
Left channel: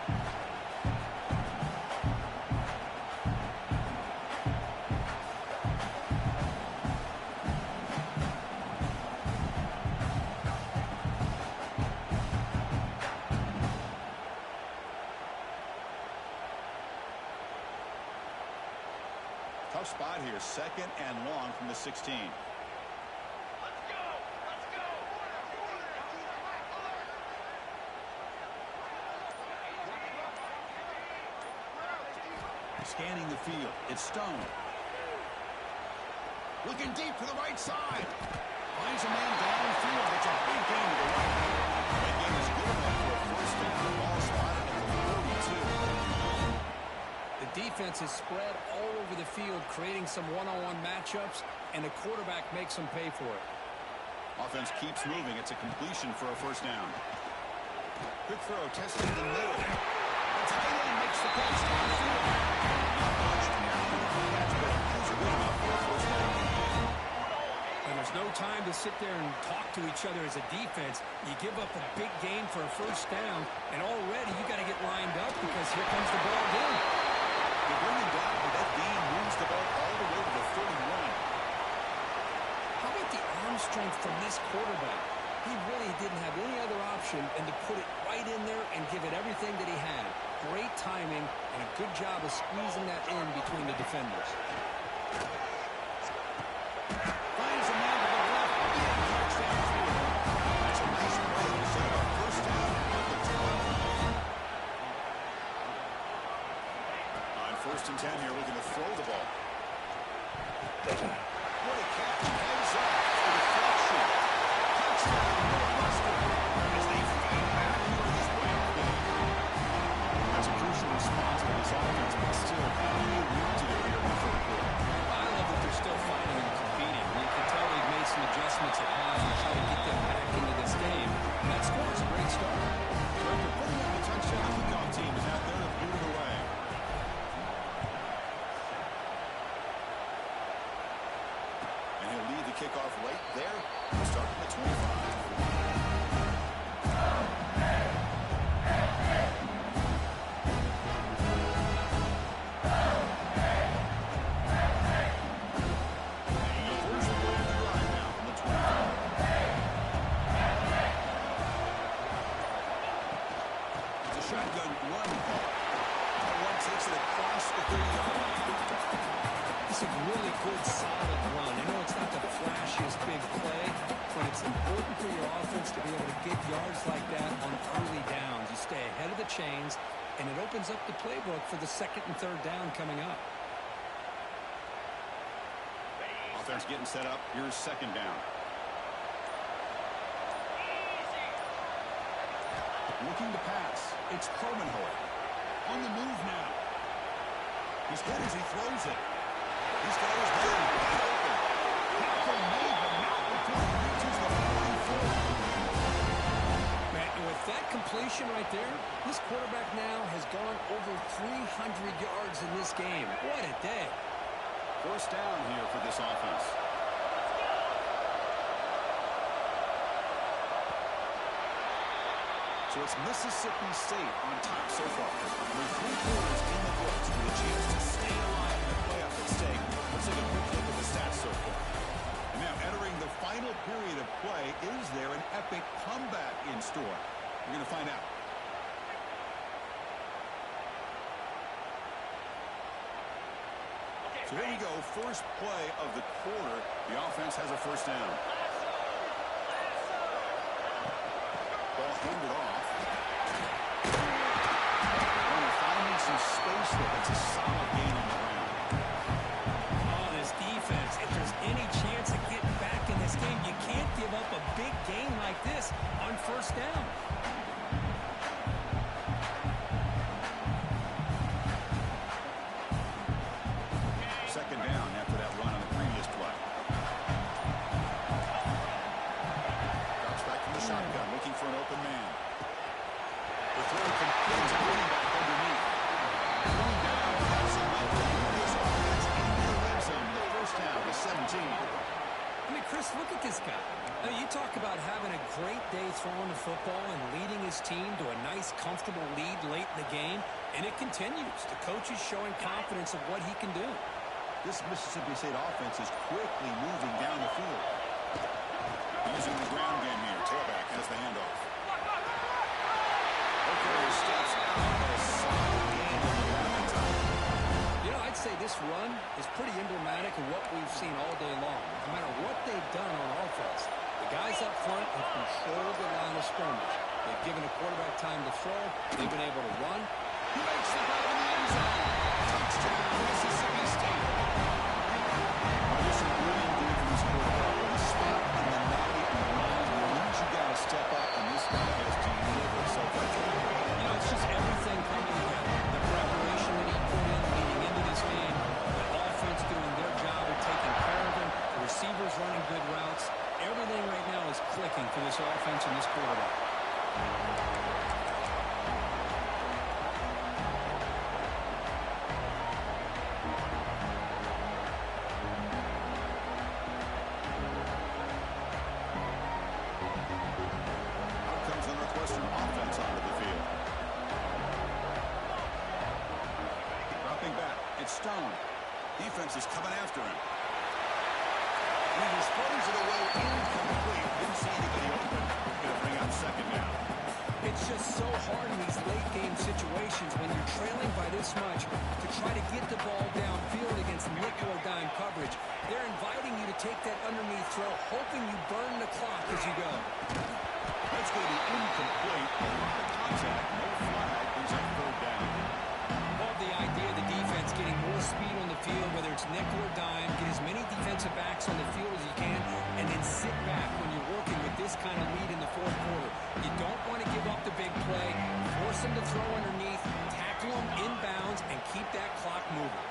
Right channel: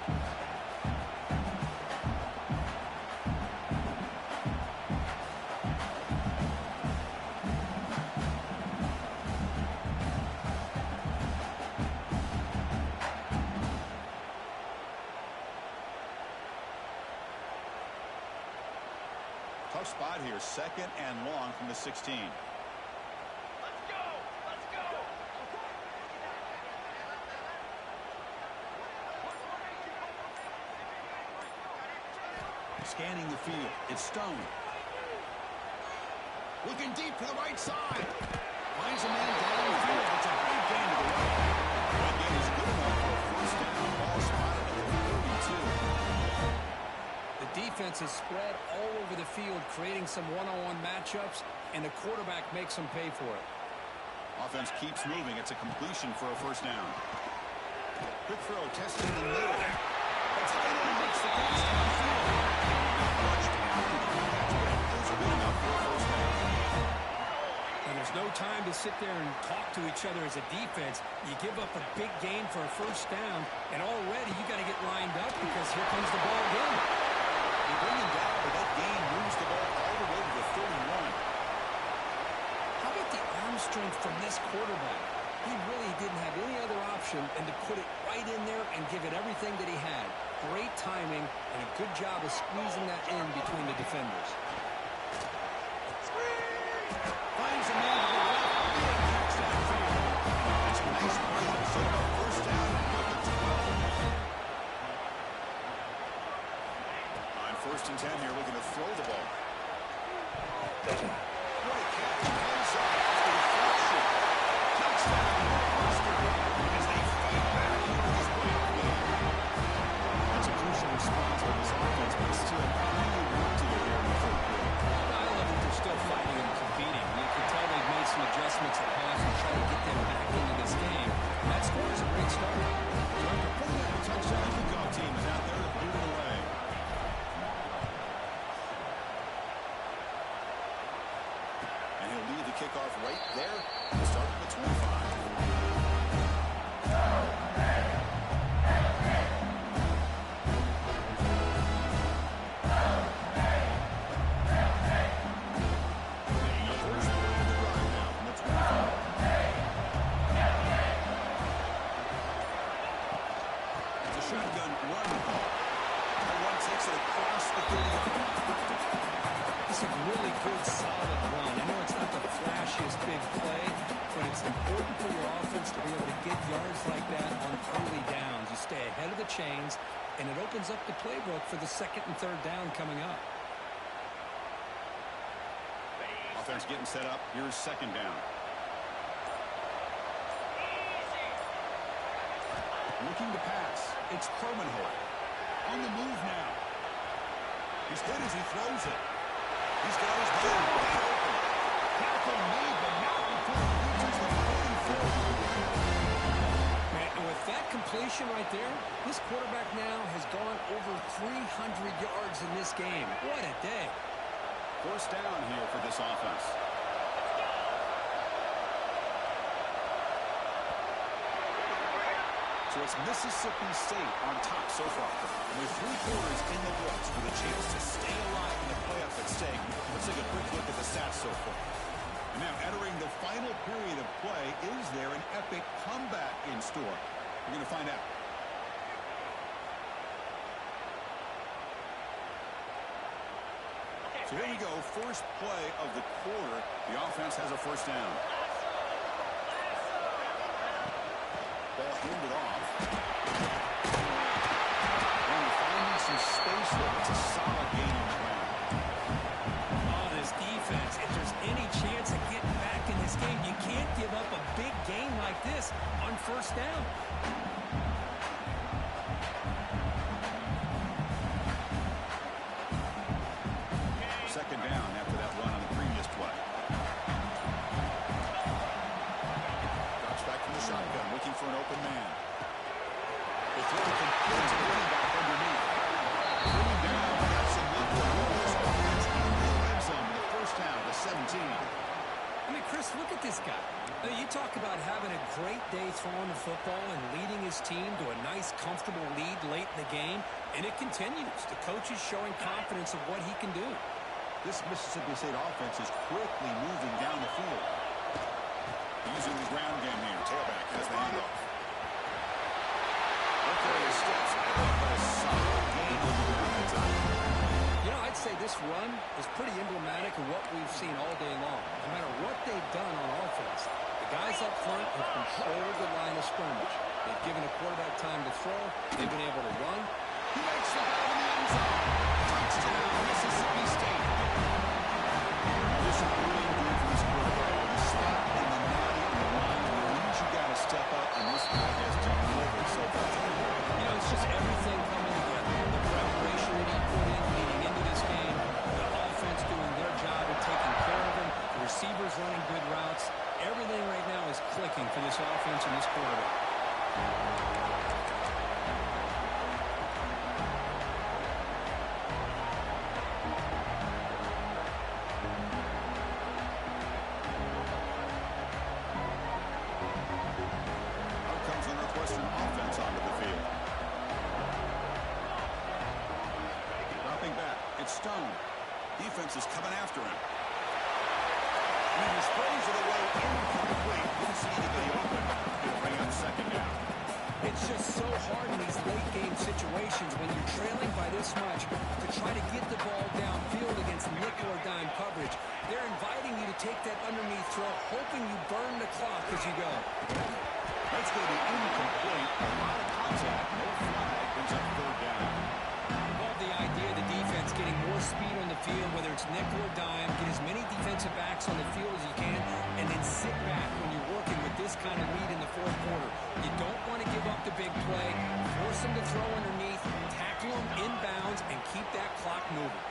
Tough spot here. 2nd and long from the 16. Let's go! Let's go! Scanning the field. It's Stone. Looking deep to the right side. Finds a man downfield. It's a big gain to the right. That gain is good enough for a first down. Ball spotted at the 42. The defense is spread all over the field, creating some one-on-one matchups, and the quarterback makes them pay for it. Offense keeps moving. It's a completion for a first down. Quick throw, testing the middle. The tight end makes the catch downfield. Not much after the catch, but it is good enough for a first down. And there's no time to sit there and talk to each other as a defense. You give up a big gain for a first down, and already you got to get lined up because here comes the ball again. They bring him down, but that gain moves the ball all the way to the 31. How about the arm strength from this quarterback? He really didn't have any other option than to put it right in there and give it everything that he had. Great timing and a good job of squeezing that in between the defenders. Finds a man to the left. Big catch downfield. That's a nice play. They set up a first down now at the 12. On 1st and 10 here, looking to throw the ball. What a catch. Ends up the deflection. Touchdown, Northwestern, as they fight back here in this playoff game. That's a crucial response by this offense, but still plenty of work to do here in the 3rd quarter. I love that they're still fighting and competing. You can tell they've made some adjustments at half and try to get them back into this game. And that score is a great start. So after putting up a touchdown, the kickoff team is out there to boot it away. And he'll lead the kickoff right there. We'll start from the 25. Shotgun run call. That one takes it across the 30-yard line. It's a really good, solid run. I know it's not the flashiest big play, but it's important for your offense to be able to get yards like that on early downs. You stay ahead of the chains, and it opens up the playbook for the 2nd and 3rd down coming up. Offense getting set up. Here's 2nd down. Looking to pass. It's Permanhoek. On the move now. He's good as he throws it. He's got his man wide open. Tackle made, but not before he reaches the 44. Man, and with that completion right there, this quarterback now has gone over 300 yards in this game. What a day. First down here for this offense. So it's Mississippi State on top so far. And with 3 quarters in the books with a chance to stay alive in the playoff at stake, let's take a quick look at the stats so far. And now entering the final period of play, is there an epic comeback in store? We're going to find out. So here we go, first play of the quarter. The offense has a first down. Ball handed off. Runner finding some space there. That's a solid gain on the ground. Oh, this defense, if there's any chance of getting back in this game, you can't give up a big gain like this on first down. Second down after that run on the previous play. Drops back from the shotgun, looking for an open man. The throw complete to the running back underneath. Bringing down, that's enough to move this offense into the red zone. The first down, the 17. I mean, Chris, look at this guy. I mean, you talk about having a great day throwing the football and leading his team to a nice, comfortable lead late in the game, and it continues. The coach is showing confidence of what he can do. This Mississippi State offense is quickly moving down the field. Using the ground game here. Tailback has the handoff. Okay, steps out, but a solid gain on the ground that time. You know, I'd say this run is pretty emblematic of what we've seen all day long. No matter what they've done on offense, the guys up front have controlled the line of scrimmage. They've given a quarterback time to throw. They've been able to run. He makes the grab in the end zone. Touchdown, Mississippi State. There's some brilliant game from this quarterback. With a spot in the natty on the line, means you got to step up, and this guy has delivered so far today. You know, it's just everything coming together. The preparation that he put in leading into this game, the offense doing their job of taking care of him, the receivers running good routes. Everything right now is clicking for this offense and this quarterback. Northwestern offense onto the field. Dropping back. It's Stone. Defense is coming after him. And he throws it away incomplete. Didn't see anybody open. Going to bring up second down. It's just so hard in these late-game situations when you're trailing by this much to try to get the ball downfield against nickel or dime coverage. They're inviting you to take that underneath throw, hoping you burn the clock as you go. That's going to be incomplete. A lot of contact. No flag. Brings up third down. Love the idea of the defense getting more speed on the field, whether it's nickel or dime. Get as many defensive backs on the field as you can, and then sit back when you're working with this kind of lead in the fourth quarter. You don't want to give up the big play. Force them to throw underneath, tackle them inbounds, and keep that clock moving.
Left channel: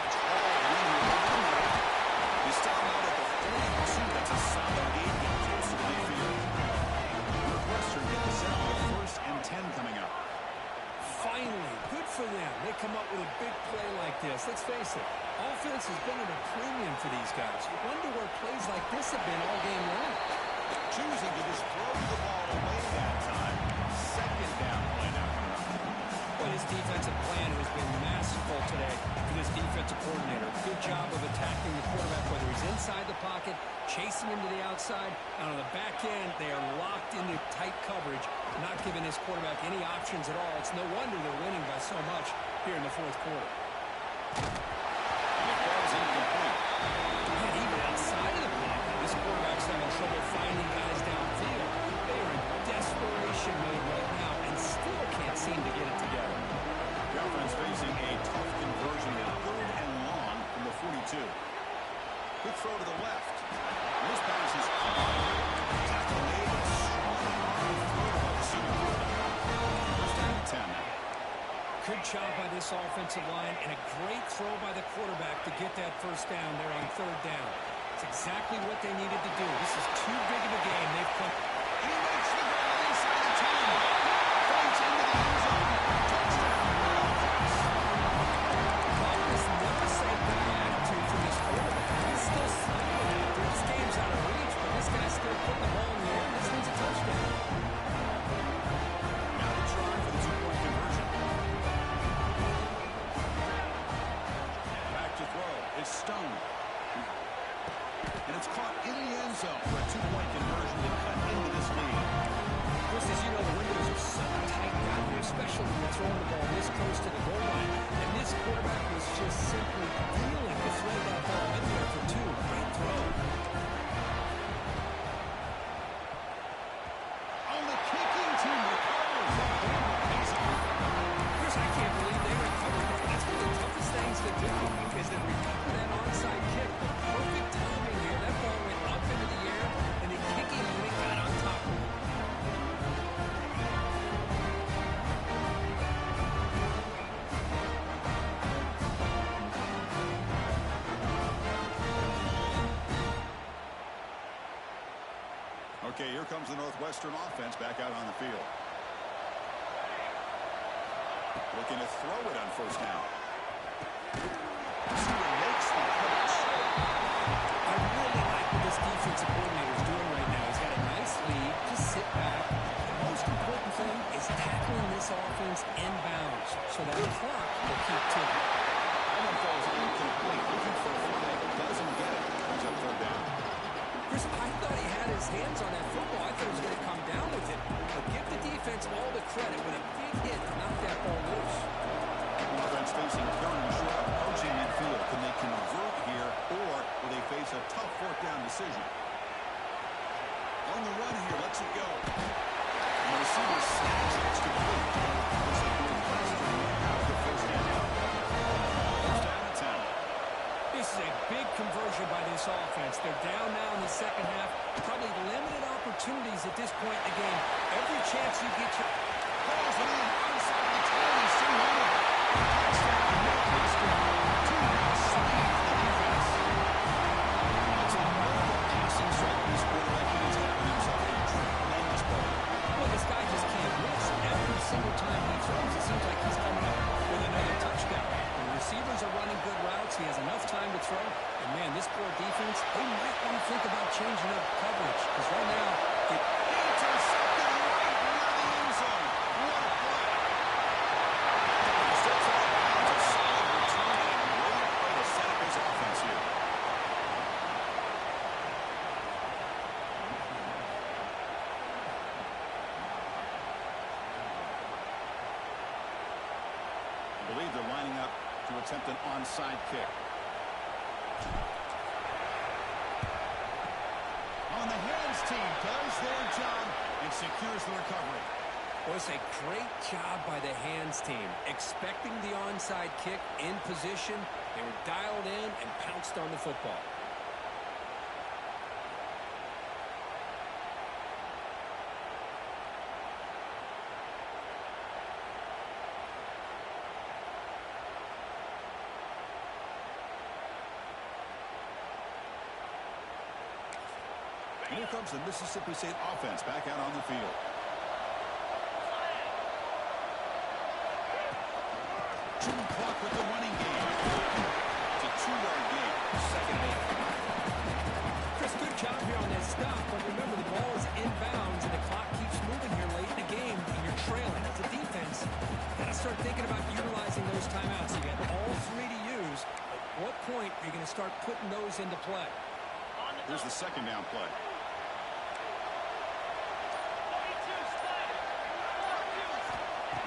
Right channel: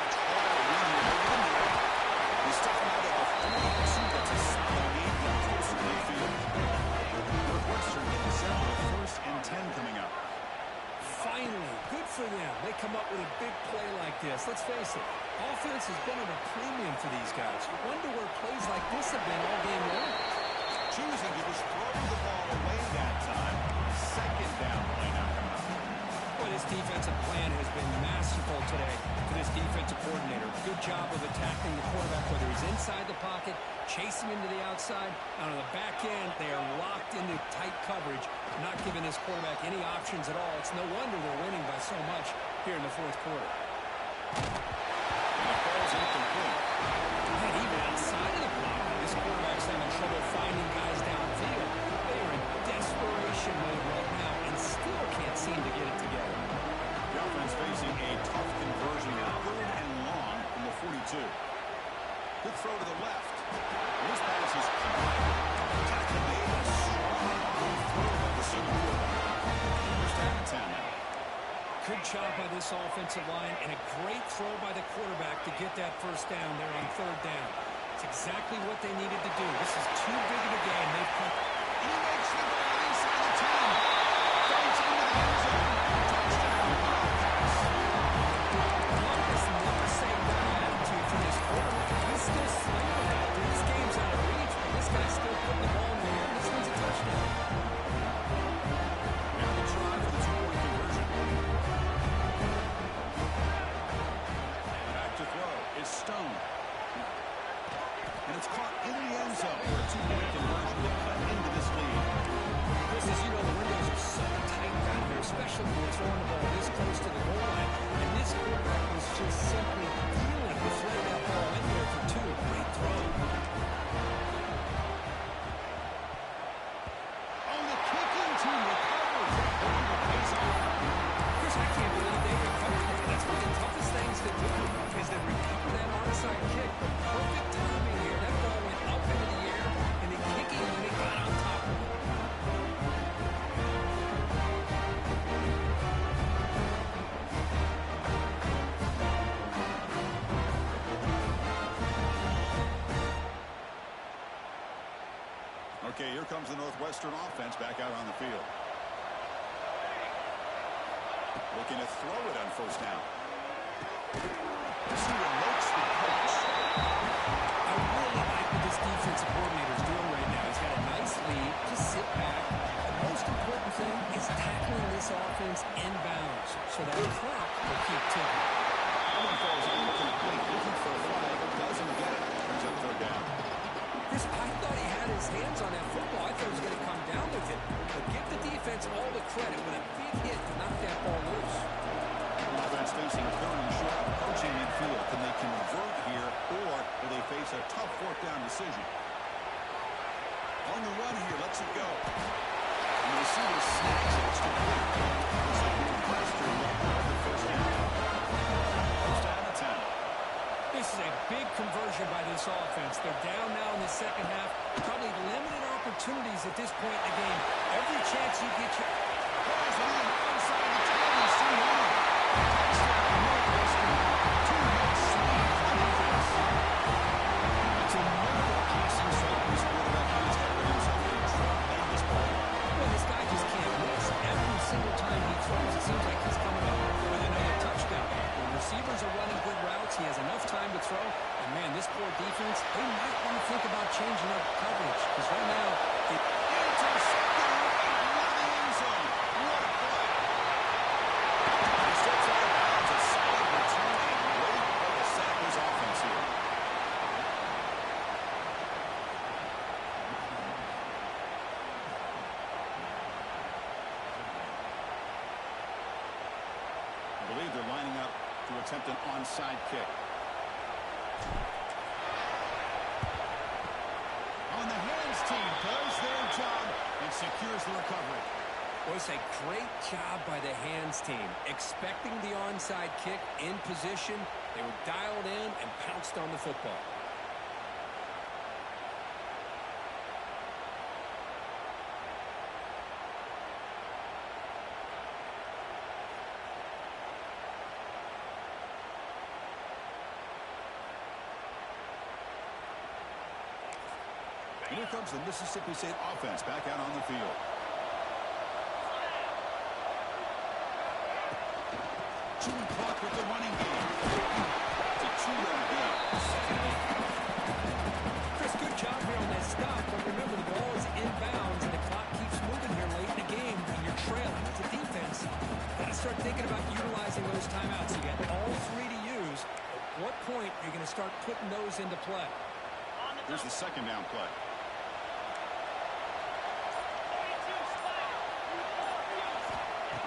Catch all running over the middle. They stop him out at the 42. That's a solid gain. Get closer to midfield. Northwestern getting set with a first and 10 coming up. Finally, good for them. They come up with a big play like this. Let's face it, offense has been at a premium for these guys. You wonder where plays like this have been all game long. Choosing to just throw the ball away that time. Second down play now coming up. Well, this defensive plan has been masterful today for this defensive coordinator. Good job of attacking the quarterback, whether he's inside the pocket, chasing him to the outside. And on the back end, they are locked into tight coverage, not giving this quarterback any options at all. It's no wonder they're winning by so much here in the fourth quarter. And the ball's incomplete. And even outside of the pocket, this quarterback's having trouble finding guys downfield. They are in desperation mode right now and still can't seem to get it together. The offense facing a tough conversion now. Third and long from the 42. Good throw to the left. This pass is caught. Tackle made. A strong arm throw by the senior quarterback. First down and 10 now. Good job by this offensive line and a great throw by the quarterback to get that first down there on third down. It's exactly what they needed to do. This is too big of a game. They've come. And he makes the grab inside the 10. Fights into the end zone. Touchdown. Wildcats. Love this never-say-die attitude from this quarterback. He's still slinging it out there. This game's out of reach, but this guy's still putting the ball in the air. This one's a touchdown. It's Stone. And it's caught in the end zone for a two-point conversion to cut into this lead. Chris, as you know, the windows are so tight down here, especially when you're throwing the ball this close to the goal line. And this quarterback was just simply dealing to thread that ball in there for two. Great throw. Oh, the kicking team recovers. That ball pays off. Chris, I can't believe they recovered that. That's one of the toughest things to do, is to recover that onside kick. But perfect timing here. That ball went up into the air, and the kicking unit got on top of it. Okay, here comes the Northwestern offense back out on the field. Looking to throw it on first down. Receiver makes the catch. I really like what this defensive coordinator is doing right now. He's got a nice lead. Just sit back. The most important thing is tackling this offense inbounds so that clock will keep ticking. That one falls incomplete. Looking for a flag. Doesn't get it. Brings up third down. Chris, I thought he had his hands on that football. I thought he was going to come down with it. But give the defense all the credit with a big hit to knock that ball loose. Offense facing third and short, approaching midfield. Can they convert here, or will they face a tough fourth down decision? On the run here, lets it go. And the receiver snags it. It's complete. Looks like Northwestern will have the first down. First down at 10. This is a big conversion by this offense. They're down now in the second half. Probably limited opportunities at this point in the game. Every chance you get your... Calls it in outside the 20. See one of them. Touchdown, Northwestern. 2-minute lead for the defense. That's a mobile passing strike. This quarterback, he's having himself a tremendous ball. Well, this guy just can't miss. Every single time he throws, it seems like he's coming up with another touchdown. The receivers are running good routes. He has enough time to throw. And, man, this poor defense, they might want to think about changing up coverage. Because right now, it... Intercepted right near the end zone. What a play. He steps out of bounds. A solid return and a great play to set up his offense here. I believe they're lining up to attempt an onside kick. On the hands team does their job and secures the recovery. Well, it's a great job by the hands team. Expecting the onside kick in position, they were dialed in and pounced on the football. And here comes the Mississippi State offense back out on the field. Chewing clock with the running game. It's a 2-yard gain. Second and 8. Chris, good job here on that stop, but remember the ball is inbounds and the clock keeps moving here late in the game and you're trailing. As a defense, got to start thinking about utilizing those timeouts. You got all three to use. At what point are you going to start putting those into play? Here's the second down play.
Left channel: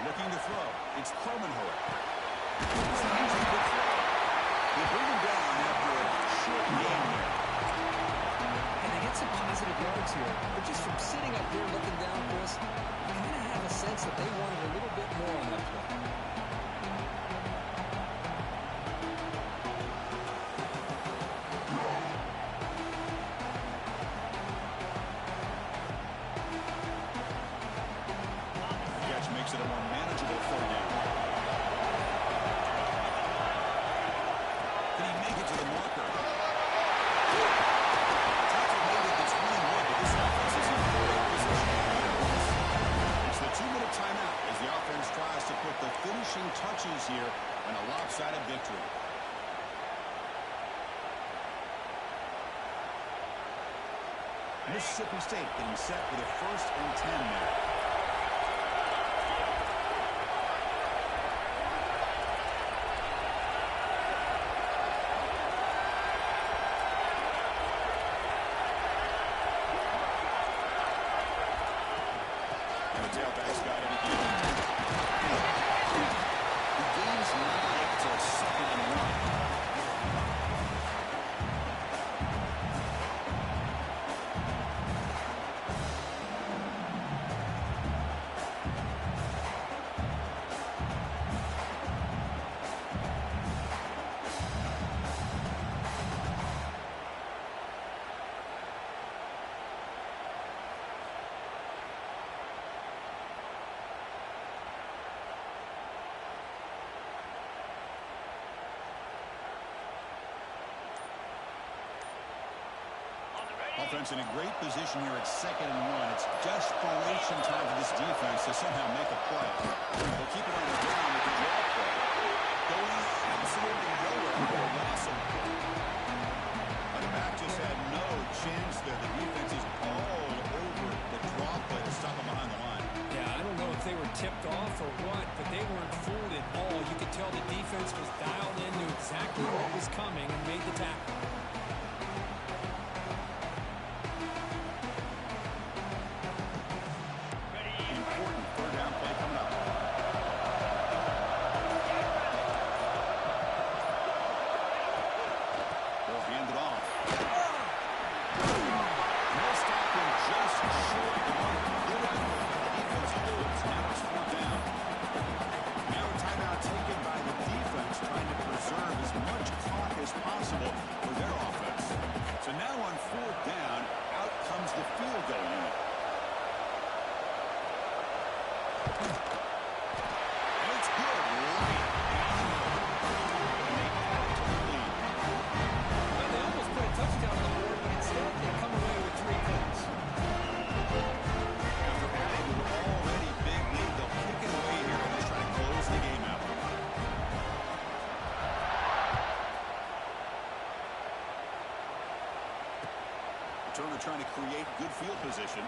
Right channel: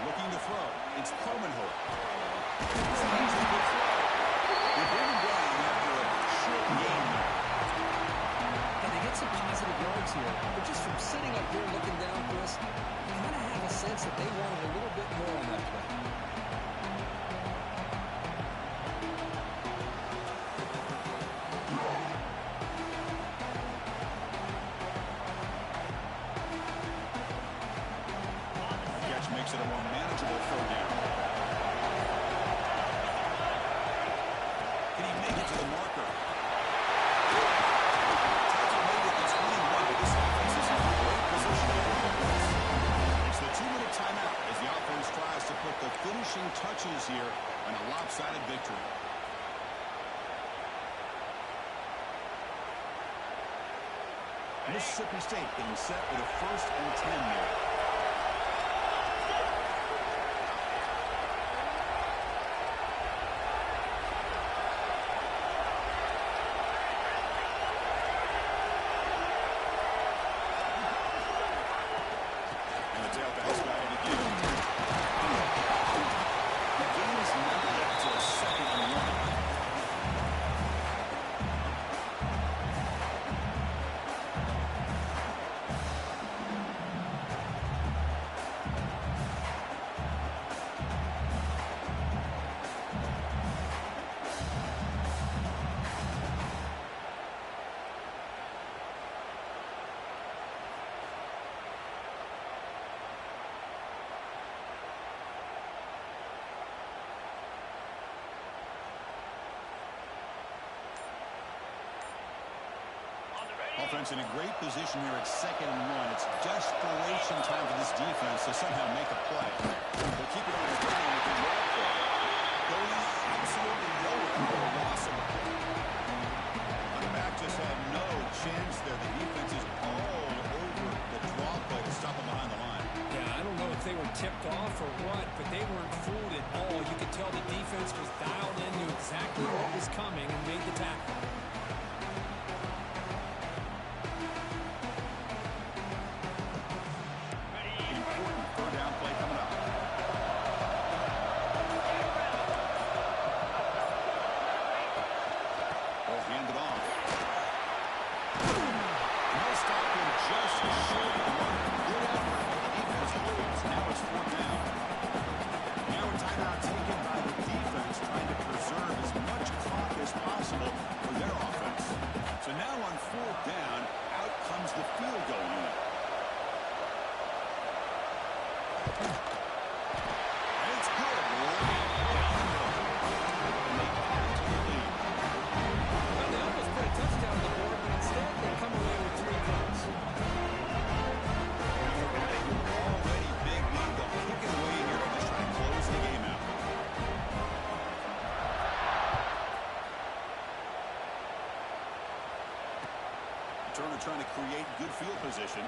Looking to throw. It's Cromenhoek. It's an easy good throw. They bring him down after a short game there. And they get some positive yards here. But just from sitting up here looking down, Chris, you kind of have a sense that they wanted a little bit more on that play. Makes it a more manageable third down. Can he make it to the marker? Tackle made it to 21, but this offense is in great position. It's the 2-minute timeout as the offense tries to put the finishing touches here on a lopsided victory. Mississippi State getting set with a 1st and 10 there. tailback's got it again. The game's not to a 2nd and 1. Offense in a great position here at 2nd and 1. It's desperation time for this defense to somehow make a play. They'll keep it on the ground with the draw play. Going absolutely nowhere after a loss of it. The back just had no chance there. The defense is all over the draw play to stop him behind the line. Yeah, I don't know if they were tipped off or what, but they weren't fooled at all. You could tell the defense was dialed in, knew exactly what was coming, and made the tackle. Turner trying to create good field position.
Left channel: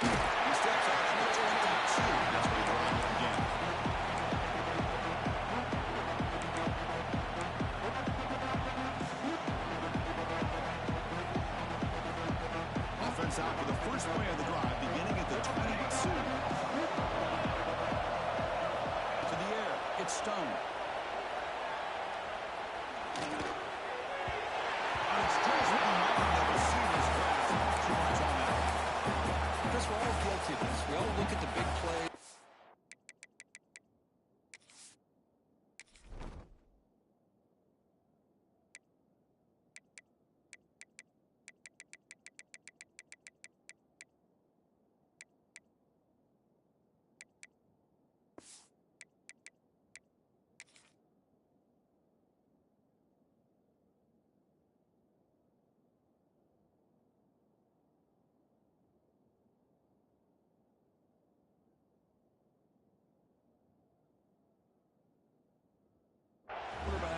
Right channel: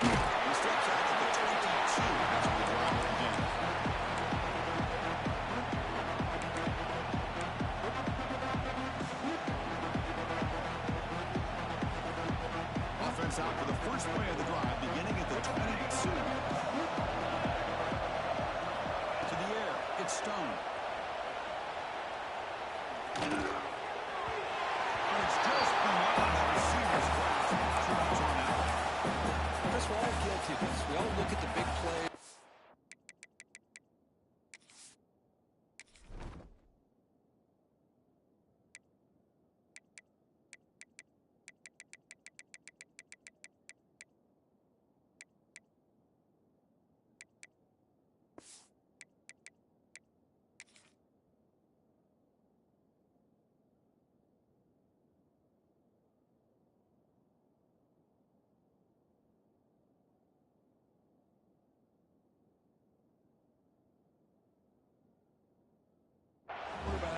He steps out at the 22. That's where the drive will begin. Offense out for the first play of the drive, beginning at the 22. To the air, it's Stone. It's just beyond the receiver's grasp. Too much on that one. Chris, we're all guilty of this. We all look at the big play.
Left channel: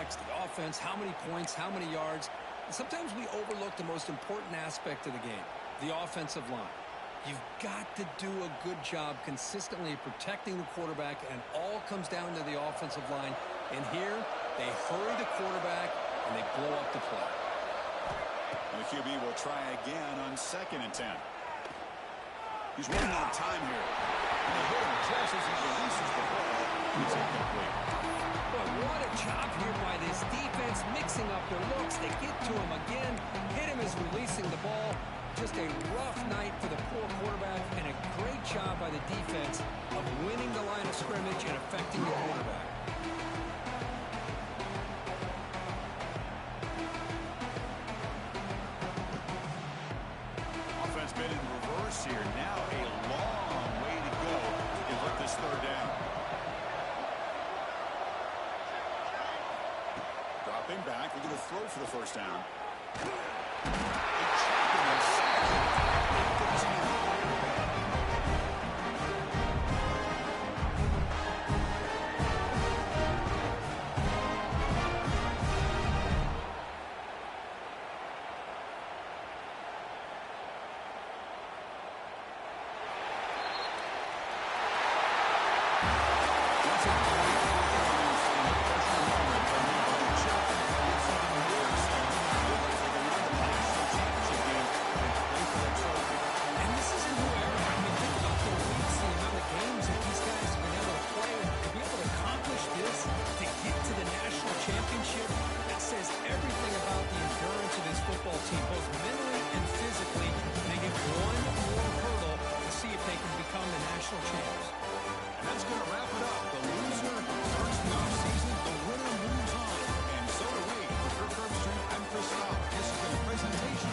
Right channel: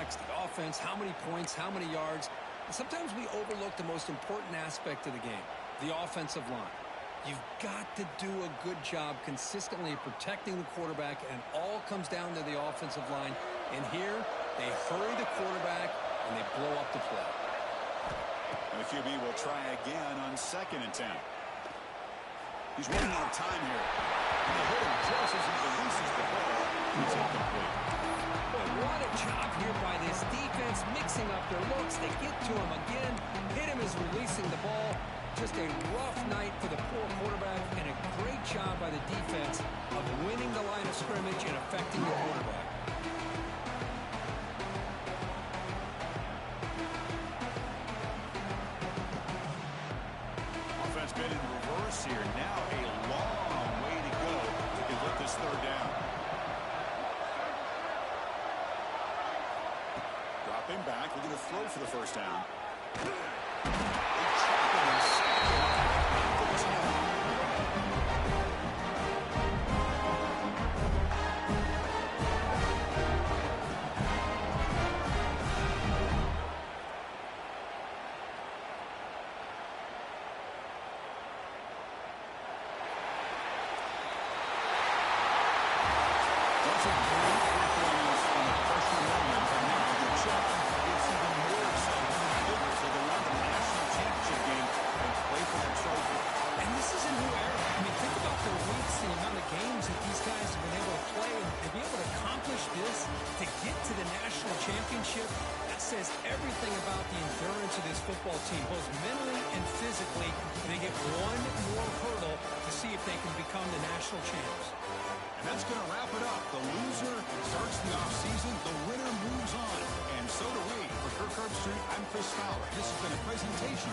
The offense, how many points, how many yards. And sometimes we overlook the most important aspect of the game, the offensive line. You've got to do a good job consistently protecting the quarterback, and it all comes down to the offensive line. And here, they hurry the quarterback, and they blow up the play. And the QB will try again on 2nd and 10. He's running out of time here. And they hit him just as he releases the ball. It's incomplete. Boy, what a job here by this defense, mixing up their looks. They get to him again, hit him as releasing the ball. Just a rough night for the poor quarterback, and a great job by the defense of winning the line of scrimmage and affecting the quarterback. Offense been in reverse here. Now a long way to go to convert this 3rd down. Dropping back, looking to throw for the 1st down. They trap him and sack him at the 10. That's a great performance in a pressure moment, but now the job gets even more exciting for the Cougars. They go on to the national championship game and play for that trophy. And this isn't who says everything about the endurance of this football team, both mentally and physically. They get one more hurdle to see if they can become the national champs. And that's going to wrap it up. The loser starts the offseason. The winner moves on. And so do we. For Kirk Herbstreit, I'm Chris Fowler. This has been a presentation